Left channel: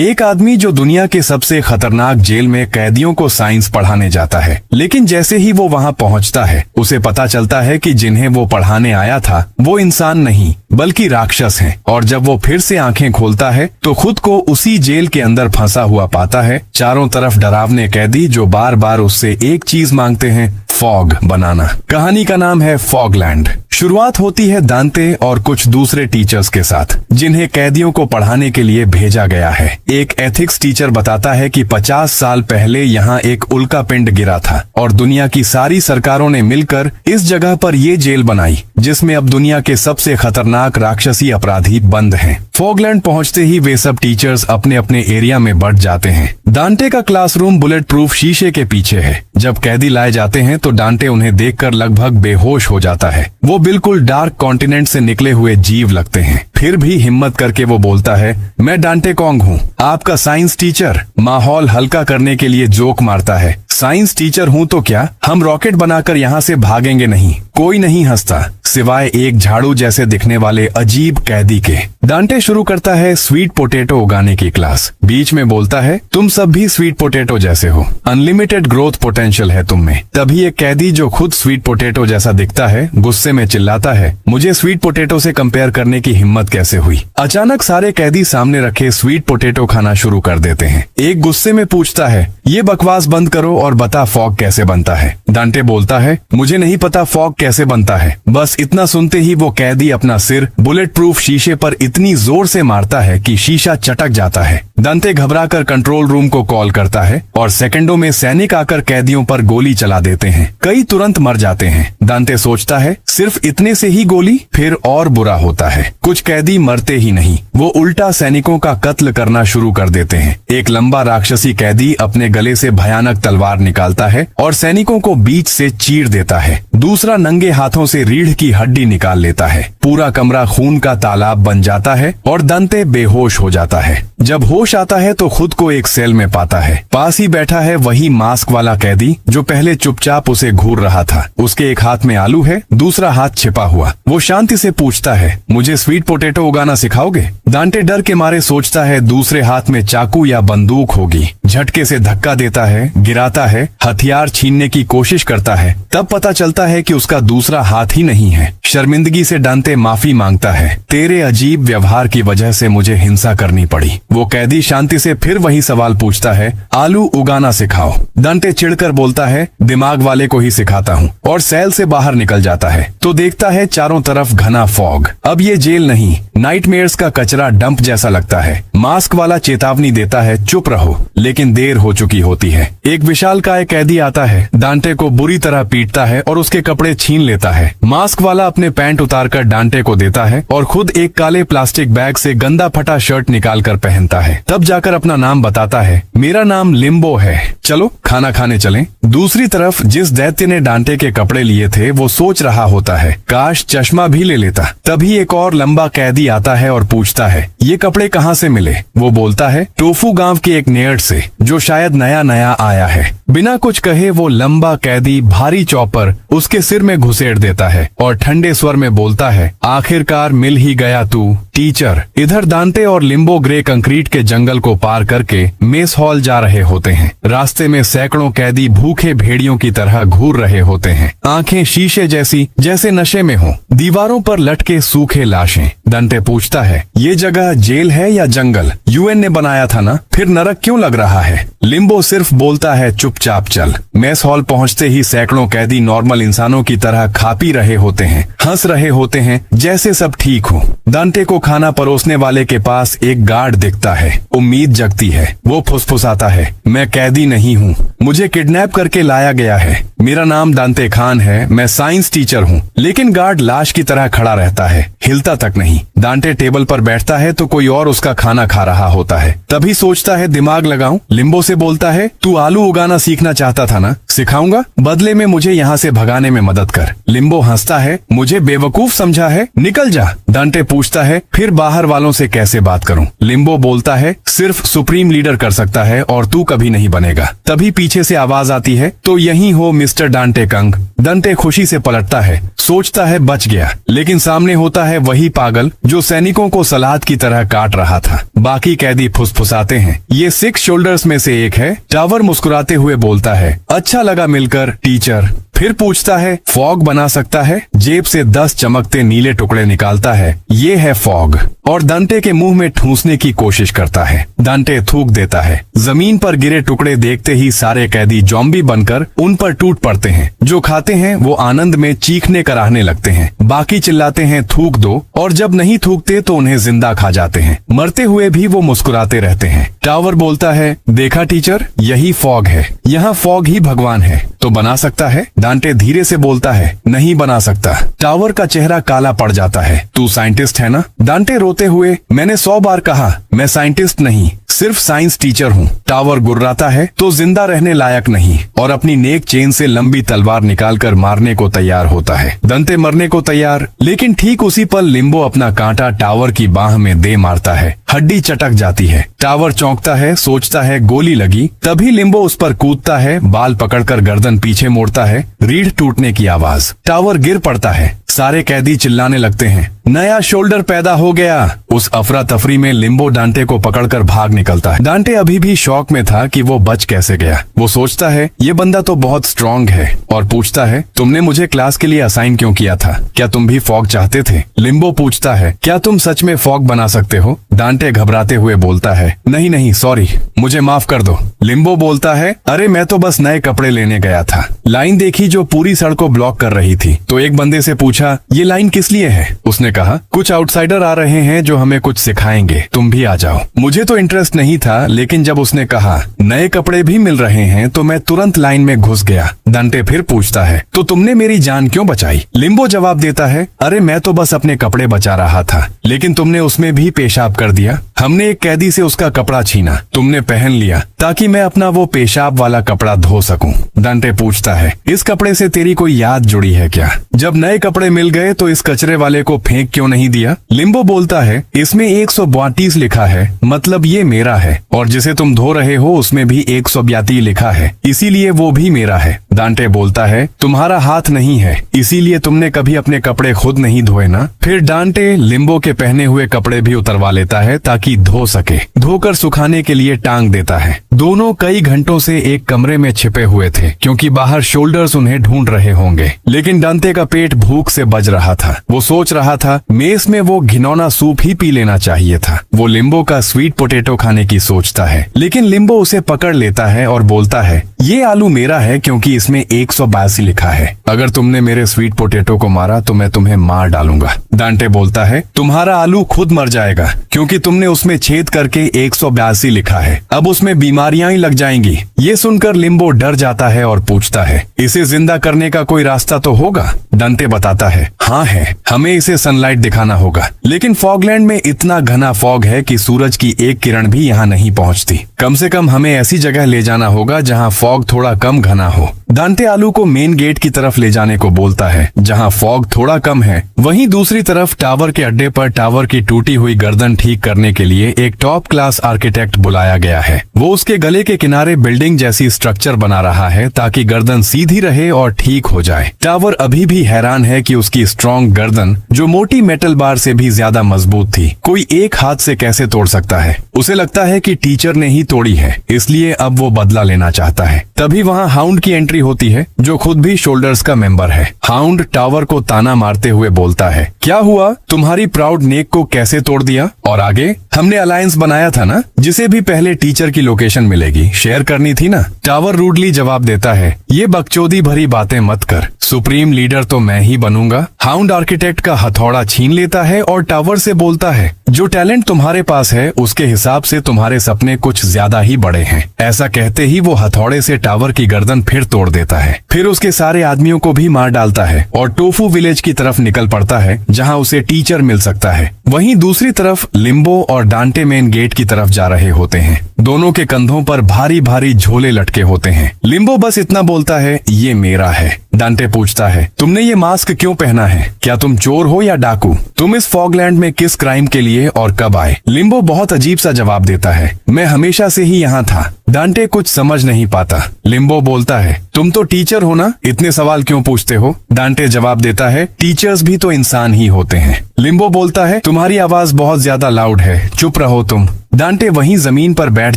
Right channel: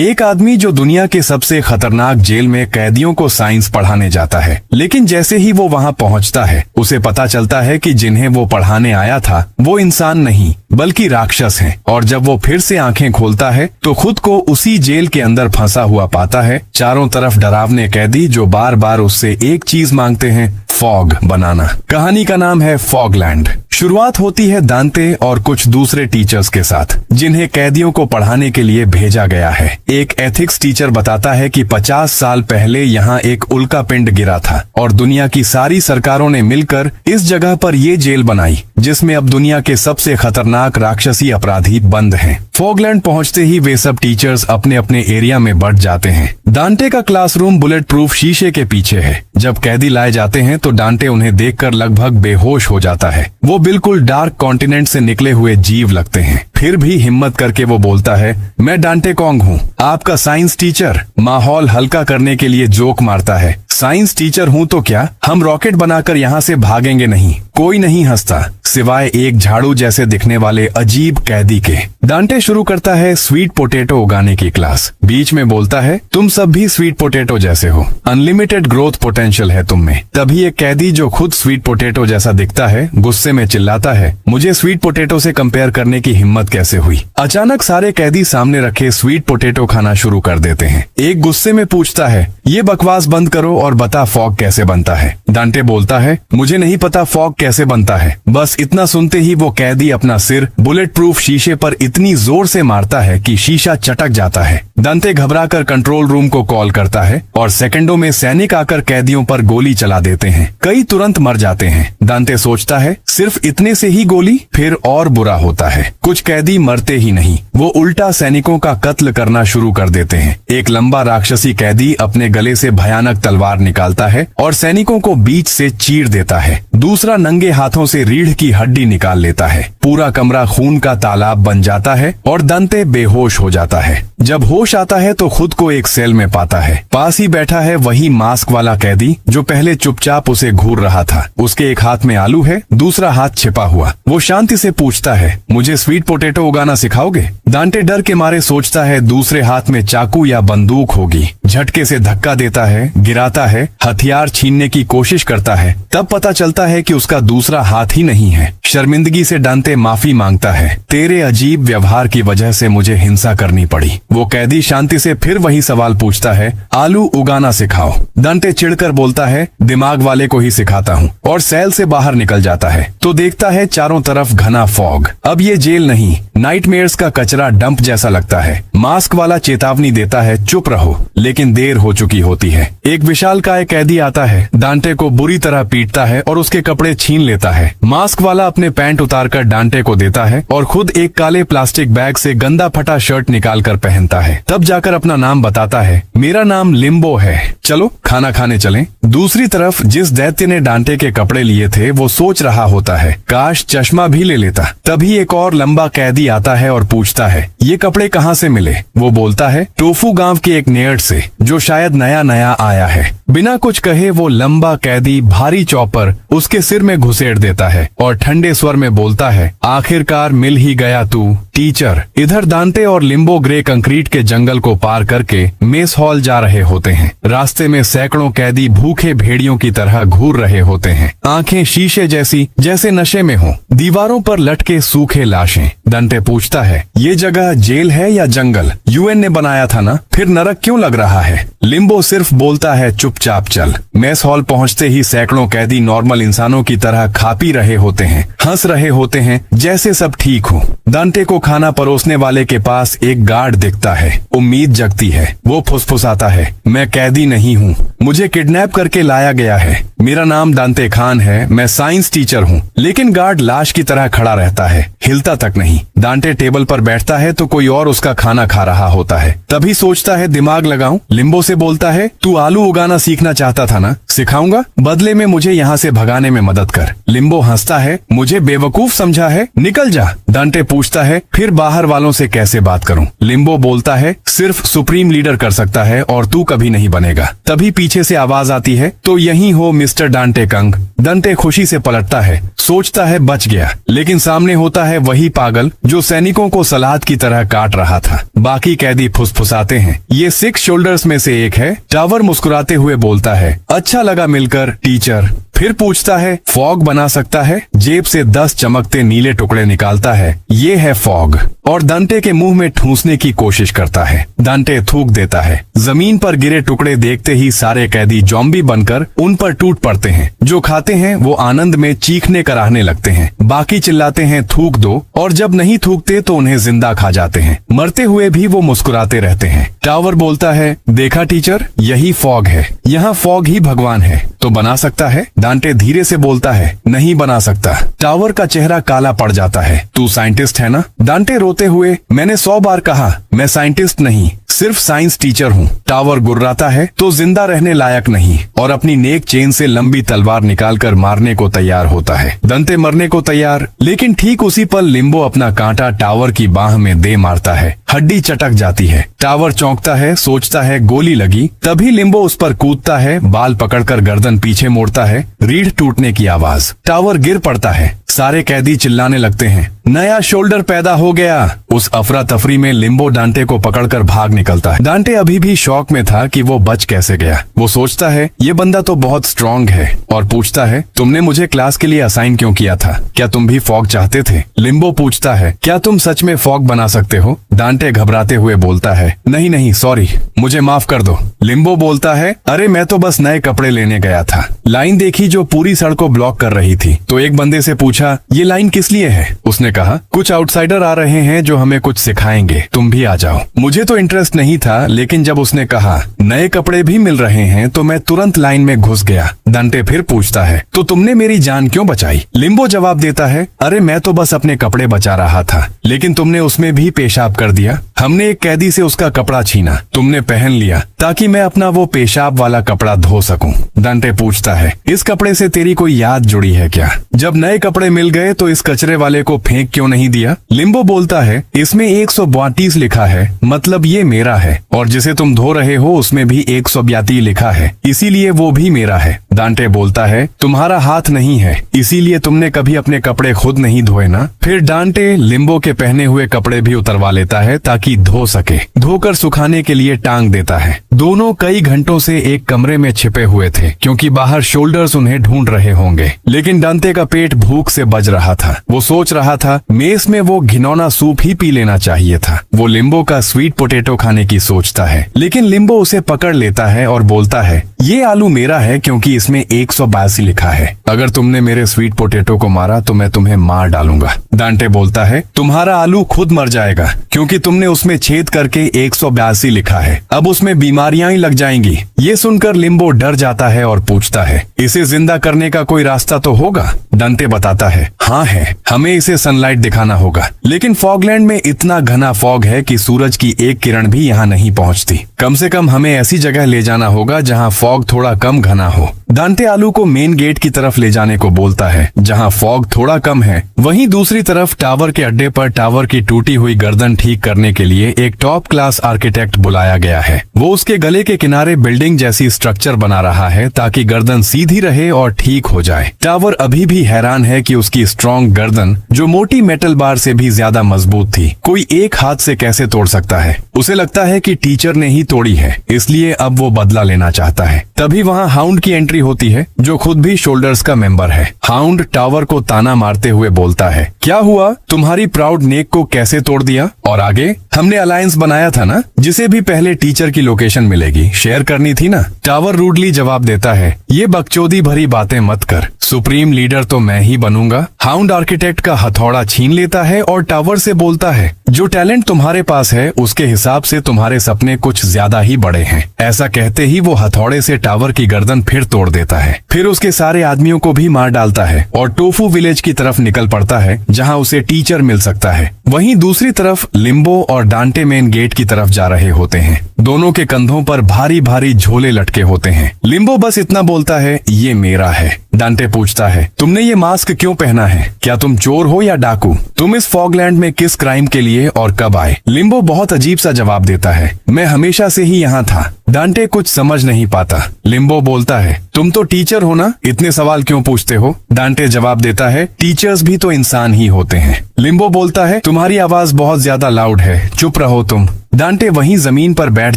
एक आदमी जो दुनिया के सबसे खतरनाक जेल में कैदियों को साइंस पढ़ाने जाता है, लेकिन जैसे ही वो वहाँ पहुँचता है उसे पता चलता है कि जिन्हें वो पढ़ाने आया था वो इंसान नहीं बल्कि राक्षस हैं। और जब वो फिर से आंखें खोलता है तो खुद को उसी जेल के अंदर फंसा हुआ पाता है। चारों तरफ डरावने कैदी जो बार बार उससे एक चीज मांगते हैं, फॉग बनाना। कहानी का नाम है फॉगलैंड। शुरुआत होती है दांते और कुछ दूसरे टीचर्स के साथ जिन्हें कैदियों को पढ़ाने के लिए भेजा गया है। एक एथिक्स टीचर बताता है कि 50 साल पहले यहाँ एक उल्का पिंड गिरा था और दुनिया की सारी सरकारों ने मिलकर इस जगह पर ये जेल बनाई जिसमें अब दुनिया के सबसे खतरनाक राक्षसी अपराधी बंद हैं। फॉगलैंड पहुंचते ही वे सब टीचर्स अपने अपने एरिया में बढ़ जाते हैं। डांटे का क्लासरूम बुलेट प्रूफ शीशे के पीछे है। जब कैदी लाए जाते हैं तो डांटे उन्हें देखकर लगभग बेहोश हो जाता है। वो बिल्कुल डार्क कॉन्टिनेंट से निकले हुए जीव लगते हैं। फिर भी हिम्मत करके वो बोलता है, मैं डांटे कॉन्ग हूँ, आपका साइंस टीचर। माहौल हल्का करने के लिए जोक मारता है, साइंस टीचर हूँ तो क्या, हम रॉकेट बनाकर यहाँ से भागेंगे नहीं। कोई नहीं हंसता सिवाय एक झाड़ू जैसे दिखने वाले अजीब कैदी के। डांटे शुरू करता है स्वीट पोटैटो उगाने की क्लास। बीच में बोलता है, तुम सब भी स्वीट पोटैटो जैसे हो, अनलिमिटेड ग्रोथ पोटेंशियल है तुम में। तभी एक कैदी जो खुद स्वीट पोटैटो जैसा दिखता है गुस्से में चिल्लाता है, मुझे स्वीट पोटैटो से कंपेयर करने की हिम्मत कैसे हुई। अचानक सारे कैदी सामने रखे स्वीट पोटैटो खाना शुरू कर देते हैं। एक गुस्से में पूछता है, ये बकवास बंद करो और बता फॉग कैसे बनता है। डांटे बोलता है, मुझे नहीं पता फॉग कैसे बनता है। बस इतना सुनते ही वो कैदी अपना सिर बुलेट प्रूफ शीशे पर इतनी जोर से मारता है कि शीशा चटक जाता है। डांटे घबराकर कंट्रोल रूम को कॉल करता है और सेकंडों में सैनिक आकर कैदियों पर गोली चला देते हैं। कई तुरंत मर जाते हैं। डांटे सोचता है, सिर्फ इतने से ही गोली, फिर और बुरा होता है। कुछ कैदी मरते ही नहीं, वो उल्टा सैनिकों का कत्ल करना शुरू कर देते हैं। एक लंबा राक्षसी कैदी अपने गले से भयानक तलवार निकालता है और सैनिकों को बीच से चीर देता है। दूसरा नंगे हाथों से रीढ़ की हड्डी निकाल लेता है। पूरा कमरा खून का तालाब बन जाता है और डांटे बेहोश हो जाता है। जब होश आता है तो खुद को एक सेल में पाता है। पास ही बैठा है वही मास्क वाला कैदी जो पहले चुपचाप उसे घूर रहा था। उसके एक हाथ में आलू है, दूसरा हाथ छिपा हुआ। वो शांति से पूछता है, मुझे स्वीट पोटैटो उगाना सिखाओगे। डांटे डर के मारे सोचता है दूसरे हाथ में चाकू या बंदूक होगी। झटके से धक्का देता है, गिराता है, हथियार छीनने की कोशिश करता है। तब पता चलता है कि उसका दूसरा हाथ ही नहीं है। शर्मिंदगी से डांटे माफी मांगता है, तेरे अजीब व्यवहार की वजह से मुझे हिंसा करनी पड़ी। वो कैदी शांति से फिर वही सवाल पूछता है, आलू उगाना सिखाओ। डांटे चिढ़कर बोलता है, दिमाग वाले को ही सिखाता हूँ, और सेल से बाहर निकल जाता है तो देखता है चारों तरफ घना फॉग। अब ये जेल नहीं, नाइटमेयर्स का कचरा डंप जैसा लगता है। मास्क वाला चेतावनी देता है, चुप रहो, लेकिन देर हो चुकी होती है। एक विशालकाय कैदी आता है, डांटे को बुरी तरह पीटता है और उसके कपड़े छीन लेता है। मास्क वाला अपने पैंट उतारकर डांटे को देता है और खुद एक काले प्लास्टिक बैग से गंदा फटा शर्ट निकालकर पहनता है। तब जाकर अपना नाम बताता है, मेरा नाम लिम्बो है, चलो खाना खाने चलें। दूसरी तरफ जिस दैत्य ने डांटे के कपड़े लिए थे वो सोच रहा होता है, काश चश्मा भी ले लेता। तभी एक और लंबा कैदी आता है और पूछता है, ये कपड़े कहाँ से मिले। वो बोलता है, टोफू गांव के एक नेर्ड से जो शायद नया नया आया है। बिना कुछ कहे वो लंबा कैदी भारी चॉपर उसके सिर में घुसेड़ देता है और ठंडे स्वर में बोलता है, आखिरकार मिल ही गया तू टीचर। इधर डांटे और लिम्बो ग्रे कंक्रीट के जंगल को पार करके मेस हॉल जा रहे होते हैं। रास्ते में सैकड़ों कैदी भूखे भेड़ियों की तरह घूर रहे होते हैं, आंखें शीशे जैसी जैसे नशे में हो। दीवारों पर लटके सूखे लाशें। डांटे पूछता है, ये जगह जेल है या जंगल? यूएन ने बनाया था ना, फिर नरक क्यों लग रहा है? लिम्बो सिर्फ बोलता है, चुपचाप चल। मेस हॉल पहुंचते ही सैकड़ों कैदी नॉर्मल इंसानों की तरह खा पी रहे होते हैं, हंस रहे होते हैं, जैसे सब ठीक हो। डांटे को खाना परोसने वाले के पास एक गार्ड दिखता है। उम्मीद जगती है। वो फुसफुसाता है, मैं कैदी नहीं हूँ, मुझे किडनैप करके लाया गया है। मेरा नाम डांटे खान है, मैं साइंस टीचर हूँ। लेकिन गार्ड लाश की तरह खड़ा रहता है, हिलता तक नहीं। डांटे टेबल पर बैठता है तो कोई और उसका खाना खा रहा होता है। तभी सोचता है, दिमाग लगाऊं। लिम्बो से बोलता है, तू आलू उगाना सीखना चाहता था ना, सिखाऊंगा, बदले में मुझे यहाँ से भगाने में मदद कर। लिम्बो हंसता है, मुझे बेवकूफ समझा है, निकल जा। डांटे पूछता है फिर बाहर वालों से कैसे बात करूं? लिम्बो बोलता है सिर्फ सुप्रीम लीडर कर सकता है और तू कभी नहीं बनेगा। तभी पीछे से आवाज आती है तो यही हो मिस्टर डांटे कंग। डांटे खुशी से पलटता है, सोचता है बच गया, लेकिन सामने होता है वही पागल जो सैनिकों को सलाद की तरह काट रहा था। बाकी कैदी फुसफुसाते हैं। ये 6 शोल्डर्स में से एक है। टावर मुस्कुराते हुए बोलता है अच्छा लगा मिलकर टीचर। फिर पूछता है फॉग बना सकता है? जेब से 10 चमकते नीले टुकड़े निकालता है। ये है फॉग और डांटे के मुंह में ठूंसने की कोशिश करता है। डांटे थूक देता है। जमीन पर गिरे टुकड़े देखते ही सारे कैदी जॉम्बी बनकर उन पर टूट पड़ते हैं। जो खाते हैं वो आनंद में चीखने कराहने लगते हैं। बाकी चिल्लाते हैं थूक दो, और जब नहीं थूकते तो उन्हें जिंदा खा जाते हैं। मरते हुए भी वो मुस्कुराते रहते हैं। टावर बोलता है देखा टीचर, यही फॉग है। यहाँ फॉग ही भगवान है, तो बना सकता है? डांटे धीरे से बोलता है नहीं बना सकता। टावर का चेहरा काला पड़ जाता है। तू साइंटिस्ट है ना? डांटे रोते हुए मैंने 100 बार कहा मैं साइंटिस्ट नहीं, सिर्फ साइंस टीचर हूँ। टावर गुर्राता है तो जिंदा रहने लायक नहीं, और अपनी नेक चेन से लंबी तलवार निकालकर मारने को तैयार होता है। डांटे मरने को तैयार, लेकिन ठीक उसी पर लिम्बो अपना कांटा टावर की बाह में दे मारता है। हड्डी चटक जाती है। टावर चौंकता है, सोचता है गोली लगी। तभी लिम्बो उस पर कूदता है, बाल पकड़कर गर्दन पीछे मोड़ता है। रीढ़ टूटने की आवाज। टावर गिर पड़ता है। सारे कैदी चिल्लाने लगते हैं नया शोल्डर पैदा हो गया। उस अफरा तफरी में लिम्बो डांटे को पकड़कर भाग निकलता है। डांटे अभी भी शौक में था कि वो बच कैसे गया। वो सोचता है ये बंदा तो बहुत स्ट्रांग है, और पूछता है तुमने मुझे क्लास के लिए असाइन क्यों किया था? क्या तुम भी फॉग चाहते थे? लिम्बो पूछता है क्या तुम सच में फॉग बना सकते हो? डांटे घबराते हुए बोलता है नहीं नहीं सॉरी, मुझे माफ कर दो। लिम्बो बोलता है अरे मैं तो बस नए कपड़े लेने गया था। लाइन देखी जो पूरी सड़क को ब्लॉक कर रही थी, तो एक बंदे से पूछा ये लाइन किस लिए है? उसने कहा कुछ आउटसाइडर आ रहे हैं जो हमें कुछ सिखाएंगे, तुम भी आ जाओ। मुझे तो इंटरेस्ट नहीं था, लेकिन जब उसने कहा नए कपड़े भी मिल रहे हैं तो मैं तुरंत लाइन में घुस गया। डांटे फिर पूछता है तो तुमने मेरी जान क्यों बचाई? लिम्बो जवाब देता है अरे मैं तो बस अपने कपड़े बचा रहा था, लेकिन तुमने उसमें भी पेशाब कर दिया। हमने एक कैदी से उसका कपड़ा छीना, तुमने पहन लिया ताकि मैं अपना वो पेशाब वाला कपड़ा धो सकूं। डांटे पूछता है इस कपड़े से तेरी कोई याद जुड़ी है क्या? जब नए कपड़े मिल गए तो इस कचरे वाले को फेंक क्यों नहीं दिया? लिम्बो बोलता है इसमें 132 लिखा है, मतलब ये मेरा है, और जिसे तुम धो रहे हो उसमें भी 132 लिखा है, इसीलिए वो भी मेरा है। डांटे बोलता है तुम्हारा हाथ नहीं है, इसीलिए तुमने कभी अपने कपड़े खुद नहीं धोए ना? फिर डांटे लिम्बो के पहने हुए कपड़े भी उतरवा लेता है ताकि धो सके। धोकर सुखाने के लिए टांग देता है। दोनों कई घंटों से एक कमरे में छिपे हुए थे, क्योंकि बाहर शोल्डर्स उन्हें ढूंढ रहे होंगे। लेकिन डांटे का पेट भूख से बज रहा था। वो सोच रहा था मेस में वो घिनौना सूप ही पी लेना चाहिए था। वो लिम्बो का स्वीट पोटैटो खाने की सोचता है, लेकिन लिम्बो उसे पकड़ लेता है और बोलता है ये आलू मेरा है क्योंकि इसमें 182 लिखा है। अगर तुमने मेरे स्वीट पोटैटो को मारा तो मैं तुम्हें मार डालूंगा। डांटे बोलता है तुम्हारा आलू खुद मर जाएगा, क्योंकि तुमने उसमें छेद करके 182 लिखा है। अब उसमें बीमारियां ही लग जाएंगी। ये सुनकर लिम्बो डर जाता है और पूछता है इसे जिंदा करने का कोई रास्ता तो होगा? डांटे बताता है हाँ है, हमें इसे सनलाइट दिखाना होगा, लेकिन फॉगलैंड में इतना घना फॉग है कि सूरज की एक किरण भी यहाँ नहीं पहुँचती। कम से कम हमें ऐसी जगह ले जाना होगा जहाँ फॉग थोड़ा कम घना हो। डांटे आलू को मेन गेट की तरफ ले जाने को बोलता है, जहाँ फॉग थोड़ा कम है। वहीं दूसरी तरफ टावर के अड्डे पर टावर की टूटी हुई गर्दन ठीक करने के लिए एक टॉप क्लास आर्किटेक्ट बुलाया गया है। वो उसके गले के किनारे बिल्डिंग जैसी स्ट्रक्चर बना रहा है ताकि गर्दन सीधी रहे और ठीक हो जाए। टावर अभी भी हैरान है कि उसकी स्ट्रॉन्ग गर्दन, जो मोटी मेटल बार से भी ज्यादा मजबूत थी, कोई एक हाथ से कैसे तोड़ सकता है। उसे लगता है कि टीचर ने ही तोड़ी है, इसलिए अब वो बदला लेना चाहता है। तभी वहाँ हाउंड की एंट्री होती है, जो खुद भी शोल्डर्स का मेंबर है। हाउंड टावर को ताना मारते हुए बोलता है क्या हुआ, तुम्हारी प्राउड नेक को कैसे तोड़ दिया? और आगे हमने अलायंस बनाया था ना, जिसे भी पहले टीचर की लोकेशन मिलेगी शेयर करनी थी ना? टावर रूडली जवाब देता है ये बकचोदी भरी बातें मत कर, सुप्रीम लीडर तो मैं ही बनूंगा। हाउंड आर्किटेक्ट का हथौड़ा छीन लेता है और टावर से बोलता है जो टैलेंट तुम्हारे पास है उसके हिसाब से तुम्हारे सपने कुछ ज्यादा ही बड़े हैं। ऐसा कहते ही वो हथौड़े से टावर की गर्दन फिर तोड़ देता है। फिर उसके सारे आदमियों को भी मार डालता है और टोफू विलेज की तरफ निकल पड़ता है, जहाँ उसे टीचर मिल सकता है। वहीं दूसरी तरफ लिम्बो और डांटे मेन गेट की तरफ जा रहे होते हैं। दोनों के कंधों पर भारी भारी झोले लटके होते हैं। लिम्बो बस इतना बोलता है, ये मेरा है। डांटे पूछता है, तुमने ये मास्क क्यों पहना है? क्या तुम चोर हो या डाकू? तुम इस फॉगलैंड में किस क्राइम के लिए और कब आए? लिम्बो बहुत अजीब सा जवाब देता है, मैं हमेशा से ही यहाँ था। डांटे कुछ समझ नहीं पाता। लिम्बो बोलता है, तुम तो टीचर हो ना, इतने सवाल क्यों पूछते हो? डांटे जवाब देता है, टीचर्स भी तो इंसान ही होते हैं। लिम्बो बोलता है, तुम्हारी आवाज बहुत ज्यादा लाउड है, चुप रहो तुम। डांटे वहीं जमीन पर बैठ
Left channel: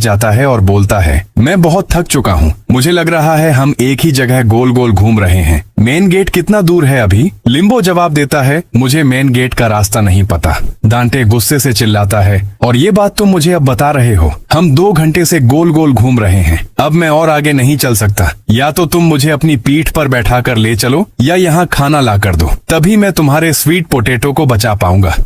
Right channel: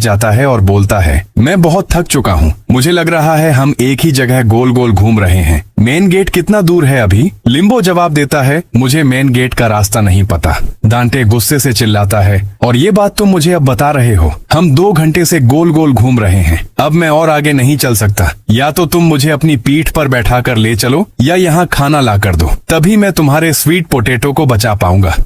जाता है और बोलता है, मैं बहुत थक चुका हूँ। मुझे लग रहा है हम एक ही जगह गोल गोल घूम रहे हैं। मेन गेट कितना दूर है अभी? लिम्बो जवाब देता है, मुझे मेन गेट का रास्ता नहीं पता। डांटे गुस्से से चिल्लाता है, और ये बात तुम मुझे अब बता रहे हो? हम 2 घंटे से गोल गोल घूम रहे हैं। अब मैं और आगे नहीं चल सकता। या तो तुम मुझे अपनी पीठ पर बैठा कर ले चलो, या यहाँ खाना ला कर दो, तभी मैं तुम्हारे स्वीट पोटैटो को बचा पाऊंगा।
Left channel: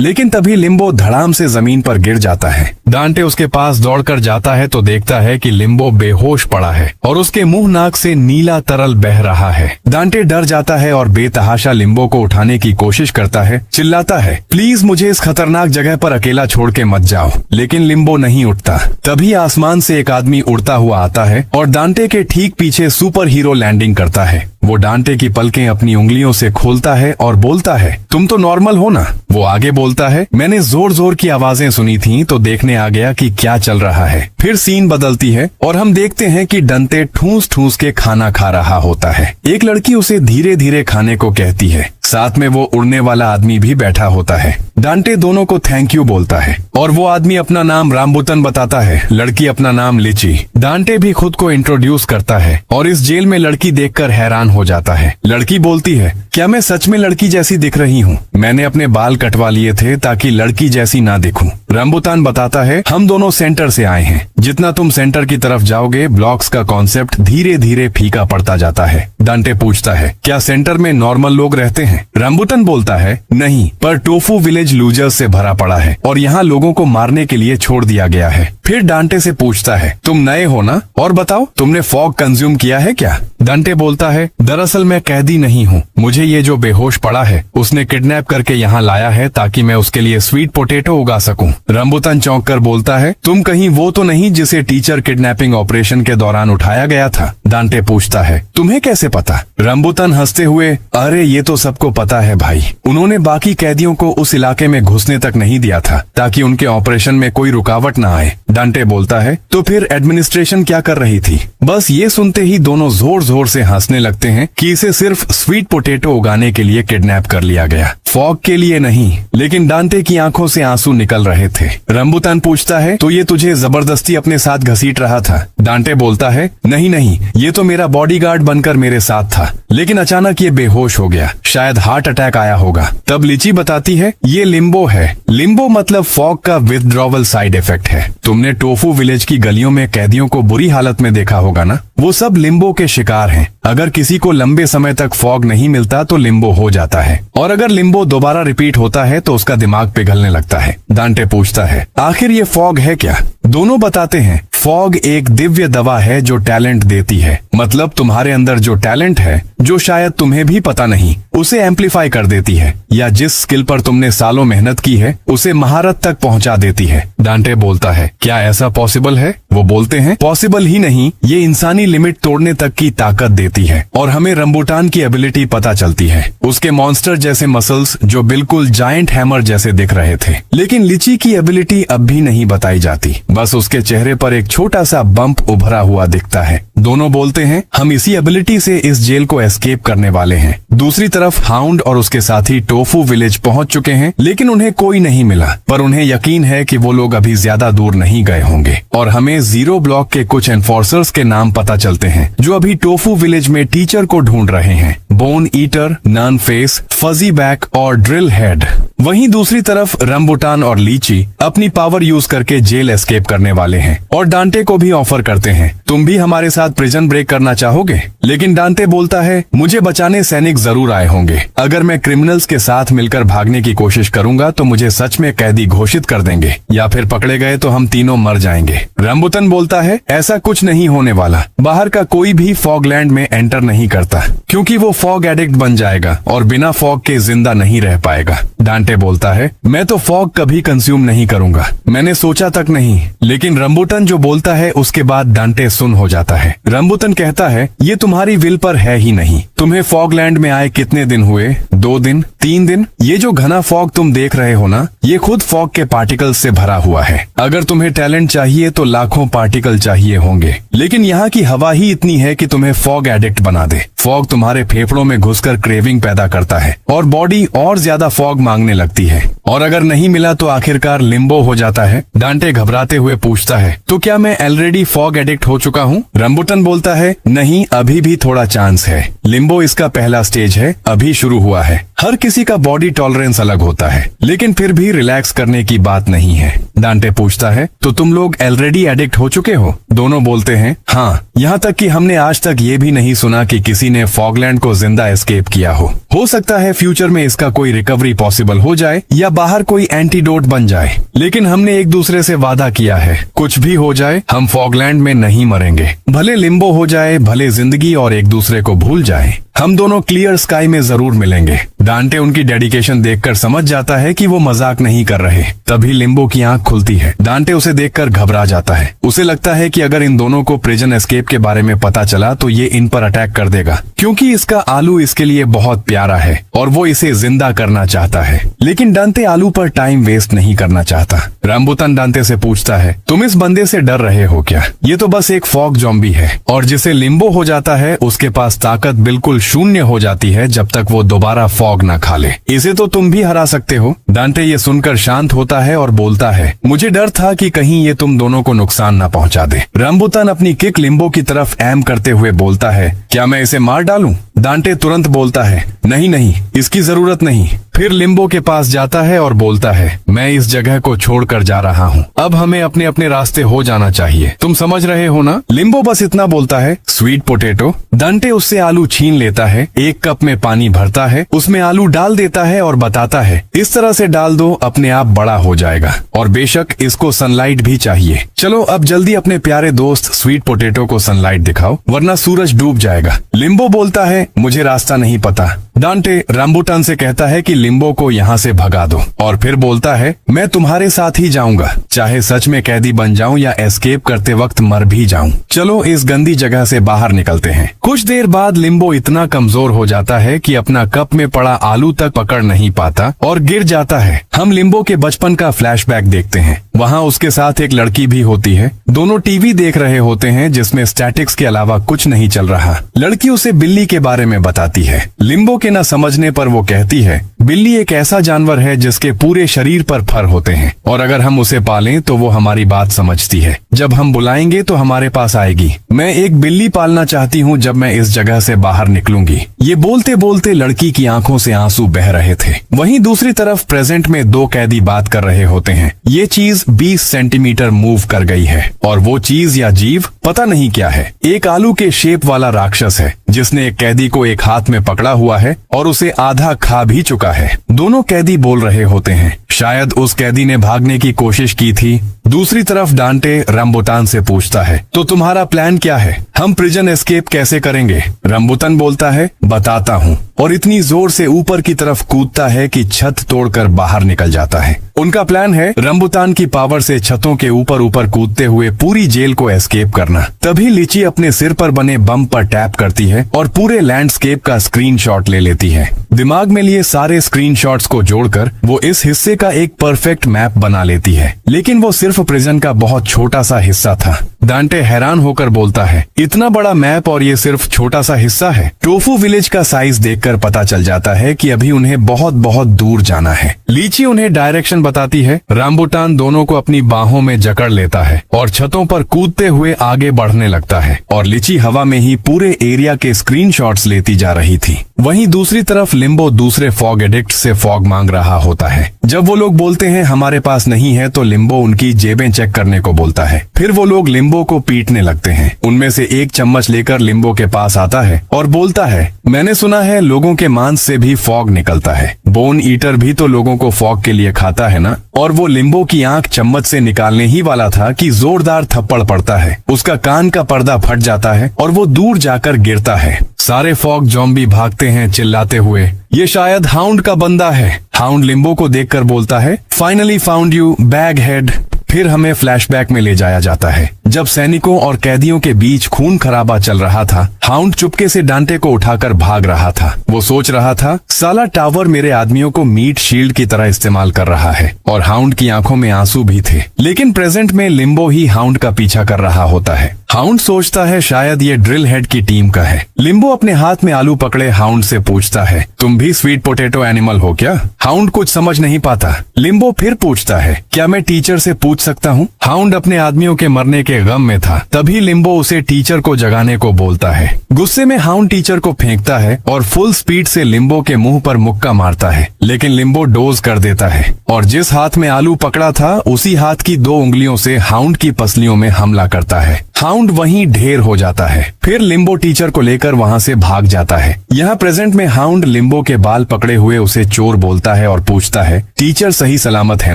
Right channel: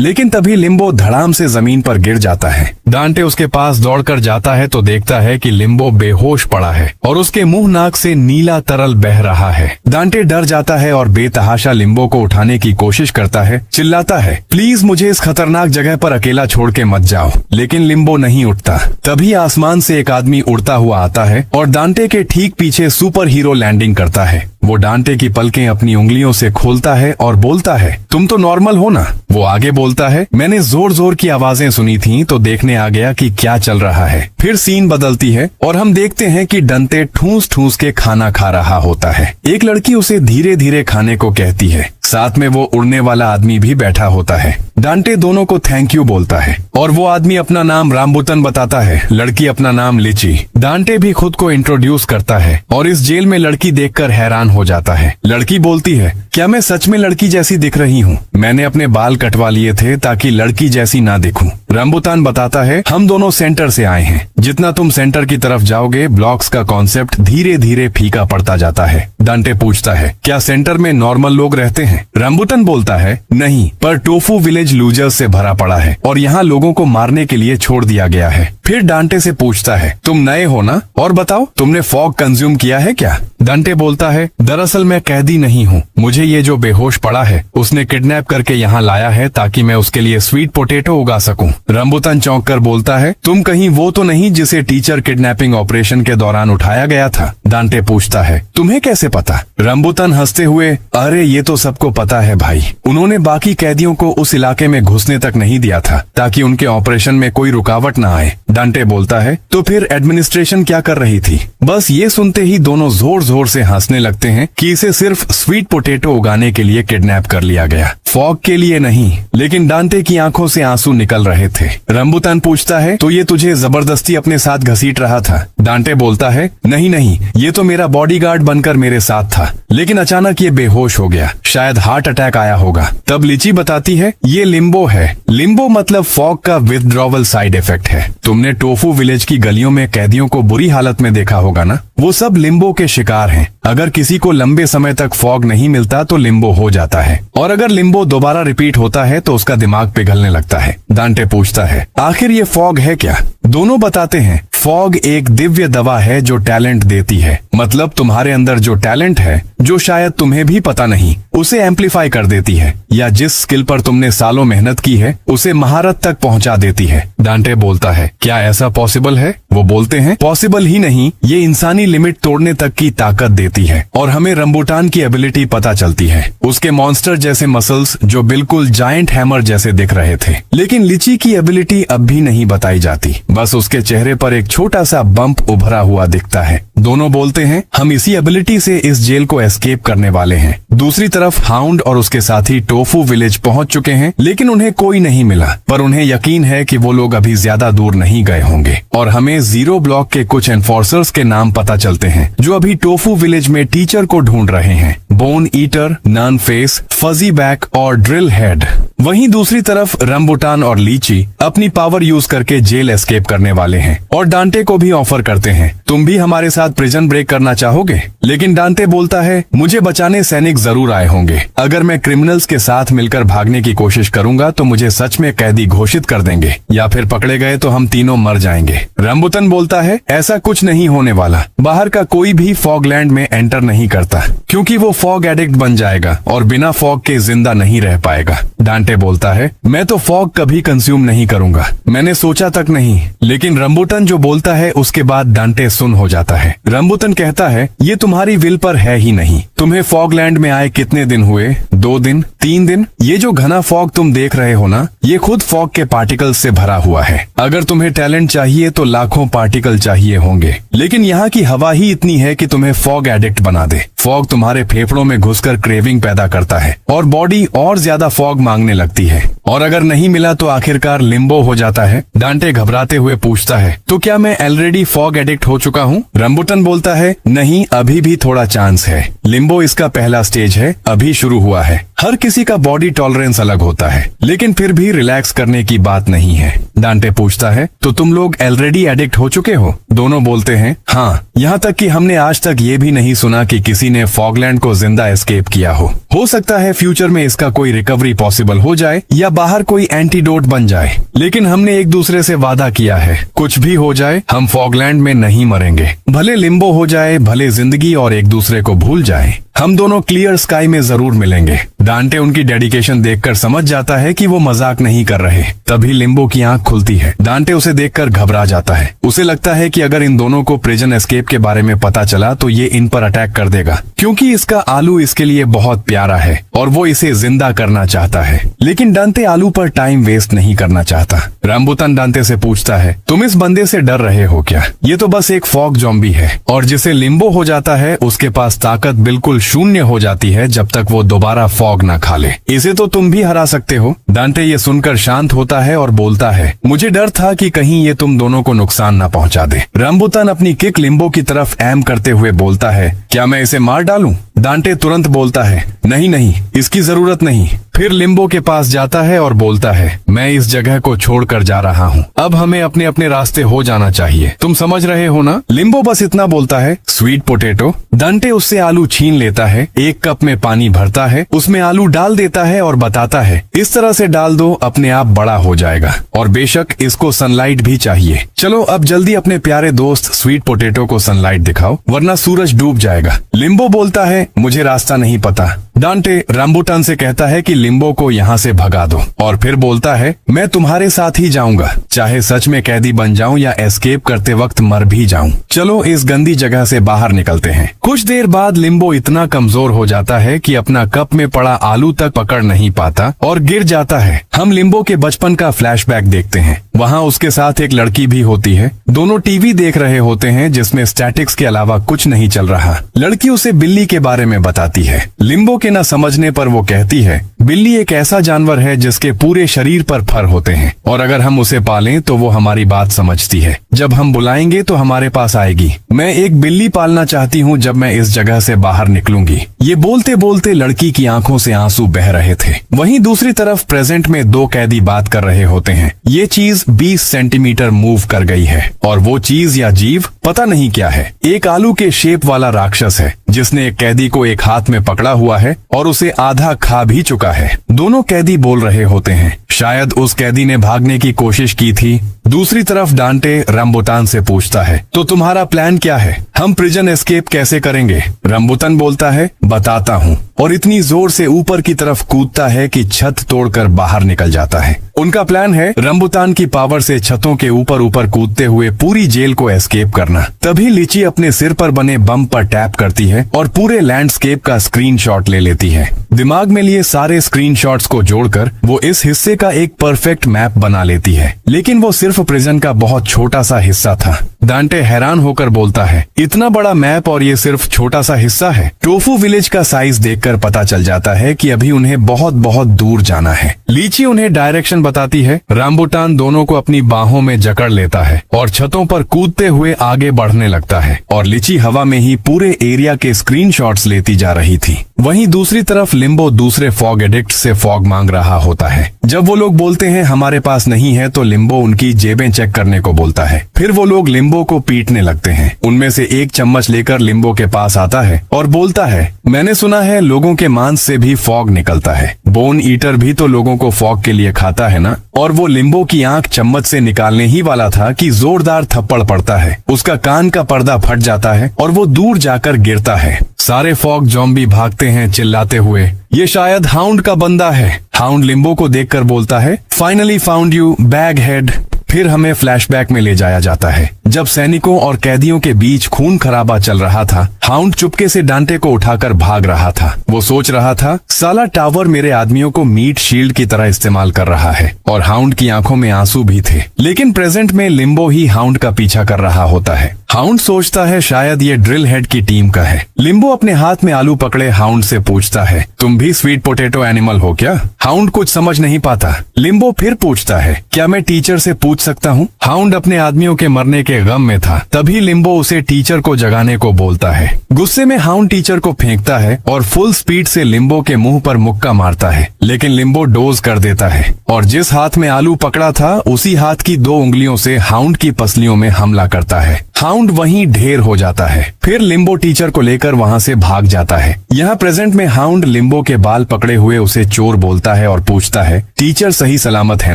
लेकिन तभी लिम्बो धड़ाम से जमीन पर गिर जाता है। डांटे उसके पास दौड़कर जाता है तो देखता है कि लिम्बो बेहोश पड़ा है और उसके मुंह नाक से नीला तरल बह रहा है। डांटे डर जाता है और बेतहाशा लिम्बो को उठाने की कोशिश करता है, चिल्लाता है, प्लीज मुझे इस खतरनाक जगह पर अकेला छोड़ के मत जाओ। लेकिन लिम्बो नहीं उठता। तभी आसमान से एक आदमी उड़ता हुआ आता है और डांटे के ठीक पीछे सुपर हीरो लैंडिंग करता है। वो डांटे की पलकें अपनी उंगलियों से खोलता है और बोलता है, तुम तो नॉर्मल हो ना? वो आगे बोलता है, मैंने जोर जोर की आवाजें सुनी थी तो देखने आ गया कि क्या चल रहा है। फिर सीन बदलती है और हम देखते हैं कि डांटे ठूस ठूस के खाना खा रहा होता है। एक लड़की उसे धीरे धीरे खाने को कहती है। साथ में वो उड़ने वाला आदमी भी बैठा होता है। डांटे दोनों को थैंक यू बोलता है और वो आदमी अपना नाम रामबुतन बताता है, लड़की अपना नाम लिची। डांटे भी खुद को इंट्रोड्यूस करता है और इस जेल में लड़की देखकर हैरान हो जाता है। लड़की बोलती है, क्या मैं सच में लड़की जैसी दिख रही हूँ? मैंने अपने बाल कटवा लिए थे ताकि लड़की जैसी ना दिखूं। रामबुतान बताता है, हम दोनों सेंटर से आए हैं। जितना तुम सेंटर की तरफ जाओगे, ब्लॉक्स का कॉन्सेप्ट धीरे धीरे फीका पड़ता जाता है। डांटे पूछता है, क्या सेंटर में नॉर्मल लोग रहते हैं? रामबुतान बोलता है, नहीं, पर टोफू विलेज लूजर्स से भरा पड़ा है और यहाँ लोगों को मारने के लिए छोड़ दिया गया है। फिर डांटे से पूछता है, तुम नए हो ना? और बताओ, तुमने फॉग कंज्यूम किया है क्या? डांटे बोलता है, दरअसल मैं कैदी नहीं हूँ। मुझे ये जो बेहोश पड़ा है उसने किडनैप करके यहाँ लाया है ताकि मैं उसके लिए स्वीट पोटैटो उगा सकूं। रामबुतान चौंक कर बोलता है, तुम कहीं वो तो नहीं जिसे टीचर किडनैपिंग ऑपरेशन के दौरान उठाया गया था? डांटे पूछता है, तुम्हें कैसे पता? रामबुतान हंसते हुए, अरे ये तो सबको पता है भाई। उन्होंने बाकी कैदियों को उस इलाके में घुसने तक नहीं दिया था ताकि उनके ऑपरेशन में कोई रुकावट न आए। डांटे बोलता है, तो फिर एडमिनिस्ट्रेशन क्या कर रही थी? बस ये सुनते ही दोनों जोर जोर से हंसने लगते हैं कि इसे सिर्फ स्वीट पोटैटो उगाने के लिए किडनैप कर लिया गया, फॉग के लिए नहीं। लेकिन डांटे की आंखों से आंसू निकल रहे थे। रामबुतान पूछता है, तो ये तुझे जबरदस्ती अपने साथ घसीट रहा था? डांटे बोलता है, नहीं नहीं, ये तो मेरा बॉडीगार्ड बनकर मेरे साथ था, लेकिन अचानक ये बेहोश हो गया, शायद हार्ट अटैक आया होगा। तब लिची बताती है, ये लिम्बो है। लिम्बो मतलब फॉग का विथड्रॉवल साइड इफेक्ट है। तुमने टोफू विलेज की गलियों में कैदियों को बुरी हालत में देखा होगा ना? वो सब लिम्बो के शिकार हैं। अगर किसी को लंबे समय तक फॉग नहीं मिलता तो लिम्बो हो जाता है, और अगर लिम्बो दोबारा रिपीट होता है तो उसका दिमाग पिघलने लगता है। डांटे पूछता है, आखिर ये फॉग है क्या? दोनों बताते हैं, फॉग एक दिव्य दवा है जो टैलेंट देती है। मतलब तुम्हारे अंदर जो टैलेंट है, जो शायद तुम्हें भी पता नहीं, उसे एम्पलीफाई कर देती है, या जिस स्किल पर तुमने सालों मेहनत की है उसे महारत तक पहुंचा देती है। डांटे बोलता है, क्या ऐसा पॉसिबल है? वो बोलते हैं, पॉसिबल ही नहीं, ये इंसानी लिमिट तोड़ने तक की ताकत देती है। और हमें रंबुटान की एबिलिटी पता चलती है, उसके मॉन्स्टर जैसे मसल्स जो बिल्कुल जायंट हैमर जैसे दिख रहे थे। लेकिन लिची की एबिलिटी अब भी नहीं बताई जाती, बस उसके चेहरे पर एक छोटा सा बम्प उभरा हुआ दिखता है। दोनों बोलते हैं, हम इसी एबिलिटी से इस जेल को एस्केप करने वाले हैं। दूसरी तरफ हाउंड और उसके साथी टोफू विलेज पहुंच चुके हैं, लेकिन उन्हें कोई नहीं मिला। पर उन्हें यकीन है कि वो लोग अभी ज्यादा दूर नहीं गए होंगे। और हमें जीरो ब्लॉक के कुछ एनफोर्सर्स के नाम पता चलते हैं जो अभी टोफू विलेज में टीचर को ढूंढ रहे हैं। Bone eater, nun face, fuzzy back और ड्रिल हेड। वहीं दूसरी तरफ रंबुटान और लीची अपनी पावर यूज करके जेल एस्केप करने वाले हैं और डांटे को भी ऑफर करते हैं तुम भी हमारे साथ प्रिजन ब्रेक करना चाहोगे? लेकिन डांटे बोलता है, मुझे बचाने सैनिक जरूर आए होंगे। अगर मैं क्रिमिनल्स के साथ मिलकर भागने की कोशिश करूंगा तो मुझे सच में कैदी घोषित कर देंगे, या फिर पकड़े गए तो हम तीनों मर जाएंगे। रंबुटन बोलता है, ऐसा कुछ नहीं होने वाला। बाहर का कोई भी फॉगलैंड में एंटर नहीं करता, क्योंकि वो फॉग एडिक्ट बन जाएगा और बिना फॉग के जिंदा नहीं रह पाएगा। डांटे बोलता है, मैं तो फॉग कभी कंज्यूम नहीं करूंगा, मैंने सोचा तक नहीं। लेकिन रंबुटन जो बोलता है उसके बाद डांटे सुन हो जाता है। रंबुटन कहता है, ये तुम्हारी विल पर है ही नहीं। तुम्हें फॉगलैंड में आए कितने दिन हुए? 2 दिन, 3 दिन? ये जो घना फॉग तुम देख रहे हो ना, ये खुद फॉग के पार्टिकल से भरा हुआ है। अगर तुम्हें टैलेंट चाहिए तो लाखों पार्टिकल चाहिए होंगे, लेकिन यहाँ की हवा ही इतनी है कि तुम्हें फॉग एडिक्ट बना दे। फॉग तुम्हारे फेफड़ों में घुसकर क्रेविंग पैदा करता है और बॉडी और ज्यादा फॉग मांगने लगती है, और अगर नहीं मिला तो आखिरकार लिम्बो हो जाता है। डांटे घबराते हुए पूछता है, तो क्या मैं ऑलरेडी फॉग एडिक्ट हो चुका हूँ? रंबुटन बोलता है, नहीं, अभी भी थोड़ा चांस है। लिम्बो इसका पहला स्टेज है, अभी शुरू हुआ है। हर किसी का बॉडी टॉलरेंस अलग होता है, लेकिन फिर भी रिलैक्स करने की बात नहीं है। डांटे पूछता है, तो तुम लोग ऑलरेडी एडिक्ट हो चुके हो? दोनों बोलते हैं, हाँ, यहाँ तक कि हमने आज तक ये भी नहीं सुना कि किसी ने फॉगलैंड को जिंदा एस्केप किया हो सकता है फ्यूचर में इसका कोई रिकवरी पॉसिबल हो जाए या बाहर कोई एंटीडोट बन जाए, लेकिन हमने एक दूसरे से वादा किया है, कुछ भी हो जाए हम फॉगलैंड में नहीं मरेंगे। भले लिम्बो हो जाए, भले जिंदगी और एक दूसरे को भूल जाए, हम दोनों क्लियर स्काई में जरूर मिलेंगे। डांटे उनकी डेडिकेशन देखकर समझ जाता है कि वो मजाक नहीं कर रहे। तभी लिम्बो की आंख खुलती है। डांटे उसे देखकर घबरा जाता है। उसे लगता है कि अगर इन दोनों को प्रिजन एस्केप के बारे में पता चला तो ये इन पर अटैक कर देगा, क्योंकि इसका आलू इसके लिए बहुत प्यारा है और वो इसे जिंदा करना चाहता है। लेकिन डांटे आलू पर टाइम वेस्ट नहीं करना चाहता। रंबुटन डांटे से पूछता है, तुम इस बंदे से डर रहे हो क्या? ये तो बस एक फॉग ज़ॉम्बी है, और जिसे लिम्बो हो जाता है उसके पास ताकत बिल्कुल शून्य हो जाती है जब तक वो दोबारा फॉग न खा ले। इसे तो तुम भी हरा सकते हो। डांटे ये सुनकर शांत होता है और बोलता है, मुझे डर था कि कहीं ये तुम दोनों को नुकसान न पहुंचा दे। रंबुटन अपनी किक लिम्बो की तरफ एम करते हुए बोलता है, क्या मैं इसे मार डालूं? डांटे तुरंत बोलता है, नहीं नहीं, इसकी जरूरत नहीं। फिर लिम्बो के पास जाता है और बोलता है, मैं इस जगह को छोड़कर जा रहा हूँ, अब हमें अपने अपने रास्ते हो जाना चाहिए। तुम समझ रहे हो ना? लिम्बो बस इतना बोलता है, स्वीट पोटैटो। डांटे उससे आलू छीन लेता है, एक कप में पानी भरता है, उसमें आलू डाल देता है और बताता है, इस तरह से डाल दो, अपने आप बड़ा हो जाएगा, और बेशक इसको सनलाइट भी चाहिए। चलो अब जल्दी अपने प्यारे दोस्त स्वीट पोटैटो को सनलाइट दिखाओ, वरना सूरज डूब जाएगा। लिम्बो बोलता है, मुझे रास्ता नहीं पता। डांटे रंबुटन से कहता है कि लिम्बो को यहाँ से भगा दो, और फिर बोलता है, मैं तुम्हारे साथ ही जाऊंगा, चाहे सच में कैदी बन जाऊं या एस्केप करते वक्त मर भी जाऊं। चलो इस गंदी जगह से बाहर निकलते हैं। कुछ देर बाद लिम्बो इतना कमजोर हो जाता है कि अपना कप में पड़ा आलू तक पकड़ नहीं पाता और गिर जाता है। हम लिम्बो के बचपन का फ्लैशबैक देखते हैं। वहाँ उसके साथ एक लड़की भी होती है। दोनों टीवी देख रहे होते हैं जिसमें स्टैटिक्स के अलावा कुछ नहीं चल रहा। लड़की उसे बिल्ली के बारे में बताती है। लिम्बो के न समझने पर वो कहती है, बिल्ली एक ऐसा जानवर है जिसके पूरे शरीर पर फर होते हैं, और अगर हम उसे पालें तो वो हमारी बात समझती है। जब हम बुलाएंगे तो हमारे पास आएगी। मैं एक बिल्ली पालना चाहती हूँ जब मैं इस जगह से बाहर निकलूंगी। ये बोलते बोलते लड़की की आंखों से आंसू बह रहे थे। वहीं दूसरी तरफ प्रेजेंट में 2 कैदी बात कर रहे होते हैं। ये चीज 20 सेंटीमीटर मूव कर गई है, और वो चीज या जीव पता नहीं क्या है। एक आलू के शेप वाला राक्षस है जिसने एक कैदी को एक हाथ में पकड़ा हुआ है और उसे आधा खा भी चुका है। दोनों कैदी बोल रहे होते हैं, शायद उस कैदी ने भागने की कोशिश की थी। दूसरी तरफ डांटे रंबुटन से पूछता है, तो तुम्हारा प्लान क्या है? हम प्रिजन एस्केप कैसे करेंगे? रंबुटन बोलता है, बताता हूँ, और इतनी जोर से ऊपर की तरफ कूदता है कि छत तोड़कर बाहर निकल जाता है। उनका प्लान है रंबुटन की पावर से छतों के ऊपर ऊपर कूदते हुए पूरी जेल को एस्केप करना। तभी लीची अपने सिर पर बने बम पर टैप करती है और पूरे लैंडस्केप का स्क्रीनशॉट ले लेती है। दिमाग में लिए सारे स्क्रीनशॉट्स को जोड़कर वो इस हिस्से का एक परफेक्ट मैप बना लेती है, लेकिन वो सिर्फ प्रिजन का बहुत छोटा सा हिस्सा था। डांटे हैरान होकर बोलता है, इतना बड़ा मैप और ये सिर्फ छोटा सा हिस्सा है। टोफू विलेज का साइज देखकर पता चल जाता है कि अभी उन्हें बहुत बहुत दूर जाना है। लीची उन्हें डायरेक्शन बताती है। रंबुटन दोनों को अपनी बाहों में जकड़ लेता है और छतों पर कूदते हुए आगे बढ़ने लगता है, और लीची हवा में ही पूरे एरिया के स्क्रीनशॉट्स लेती जा रही थी। वहीं दूसरी तरफ लिम्बो दूसरे फॉग एडिक्ट से फॉग मांग रहा होता है। जब वो लोग बोलते हैं हमारे पास नहीं है तो लिम्बो उनकी जेबें चेक करने को बोलता है। फिर वो लोग लिम्बो को पीटने लगते हैं। उनमें से एक चम्मच लेकर लिम्बो के पास आता है और बोलता है, मैंने सुना है लोगों के मांस से भी फॉग निकलता है। बोन ईटर भी तो लोगों को फॉग के लिए खाता है ना। और वो लिम्बो की आंख चम्मच से निकालने ही वाला था कि जोरदार थप्पड़ पड़ता है। उसका कान का पर्दा फट जाता है और वो दूर जाकर गिरता है। सारे फॉग ज़ॉम्बी भागते हैं चिल्लाते हुए, ये शायद हाउंड का बंदा है। हाउंड लिम्बो को देखकर बोलता है, finally found you bag head. फिर हमें फ्लैशबैक में ले जाया जाता है जब सैनिकों और कैदियों के बीच खून खराबा चल रहा था। हाउंड चुपके से डांटे को उठाकर भाग रहा था। वो सोच रहा था, साला टावर मेरे आदमियों को मीट शील्ड की तरह इस्तेमाल कर रहा है। और हाउंड की आंखों में आंसू भी थे। लेकिन प्रेजेंट में लिम्बो ही हाउंड का पीछा कर रहा होता है। हाउंड सोचता है शायद ये ड्रिल हेड की टीम का है। लिम्बो अपने हाथ में आलू पकड़े हाउंड से पूछता है, तुम भी स्वीट पोटैटो एनिमल हो क्या? हाउंड कुछ समझ नहीं पाता। लिम्बो फिर पूछता है, क्या मैं टीचर से पूछ सकता हूँ? हाउंड अपने आदमियों के मरने के गम में था। तभी लिम्बो उसे टीचर को जगाने को बोलता है। गुस्से में हाउंड टीचर को फेंकता है और फुल स्पीड से लिम्बो के मुंह पर मुक्का मारता है। लेकिन लिम्बो डोज कर देता है और जिस हाथ में आलू पकड़ा था उसी हाथ की 2 उंगलियों से हाउंड की पसलियों में हमला करता है। हाउंड वहीं ढेर हो जाता है। फिर लिम्बो टीचर को लेकर वहाँ से भाग जाता है। यहाँ प्रेजेंट में हाउंड लिम्बो के बाल पकड़े हुए उसे चोर बोलता है और पूछता है, टीचर सही सलामत है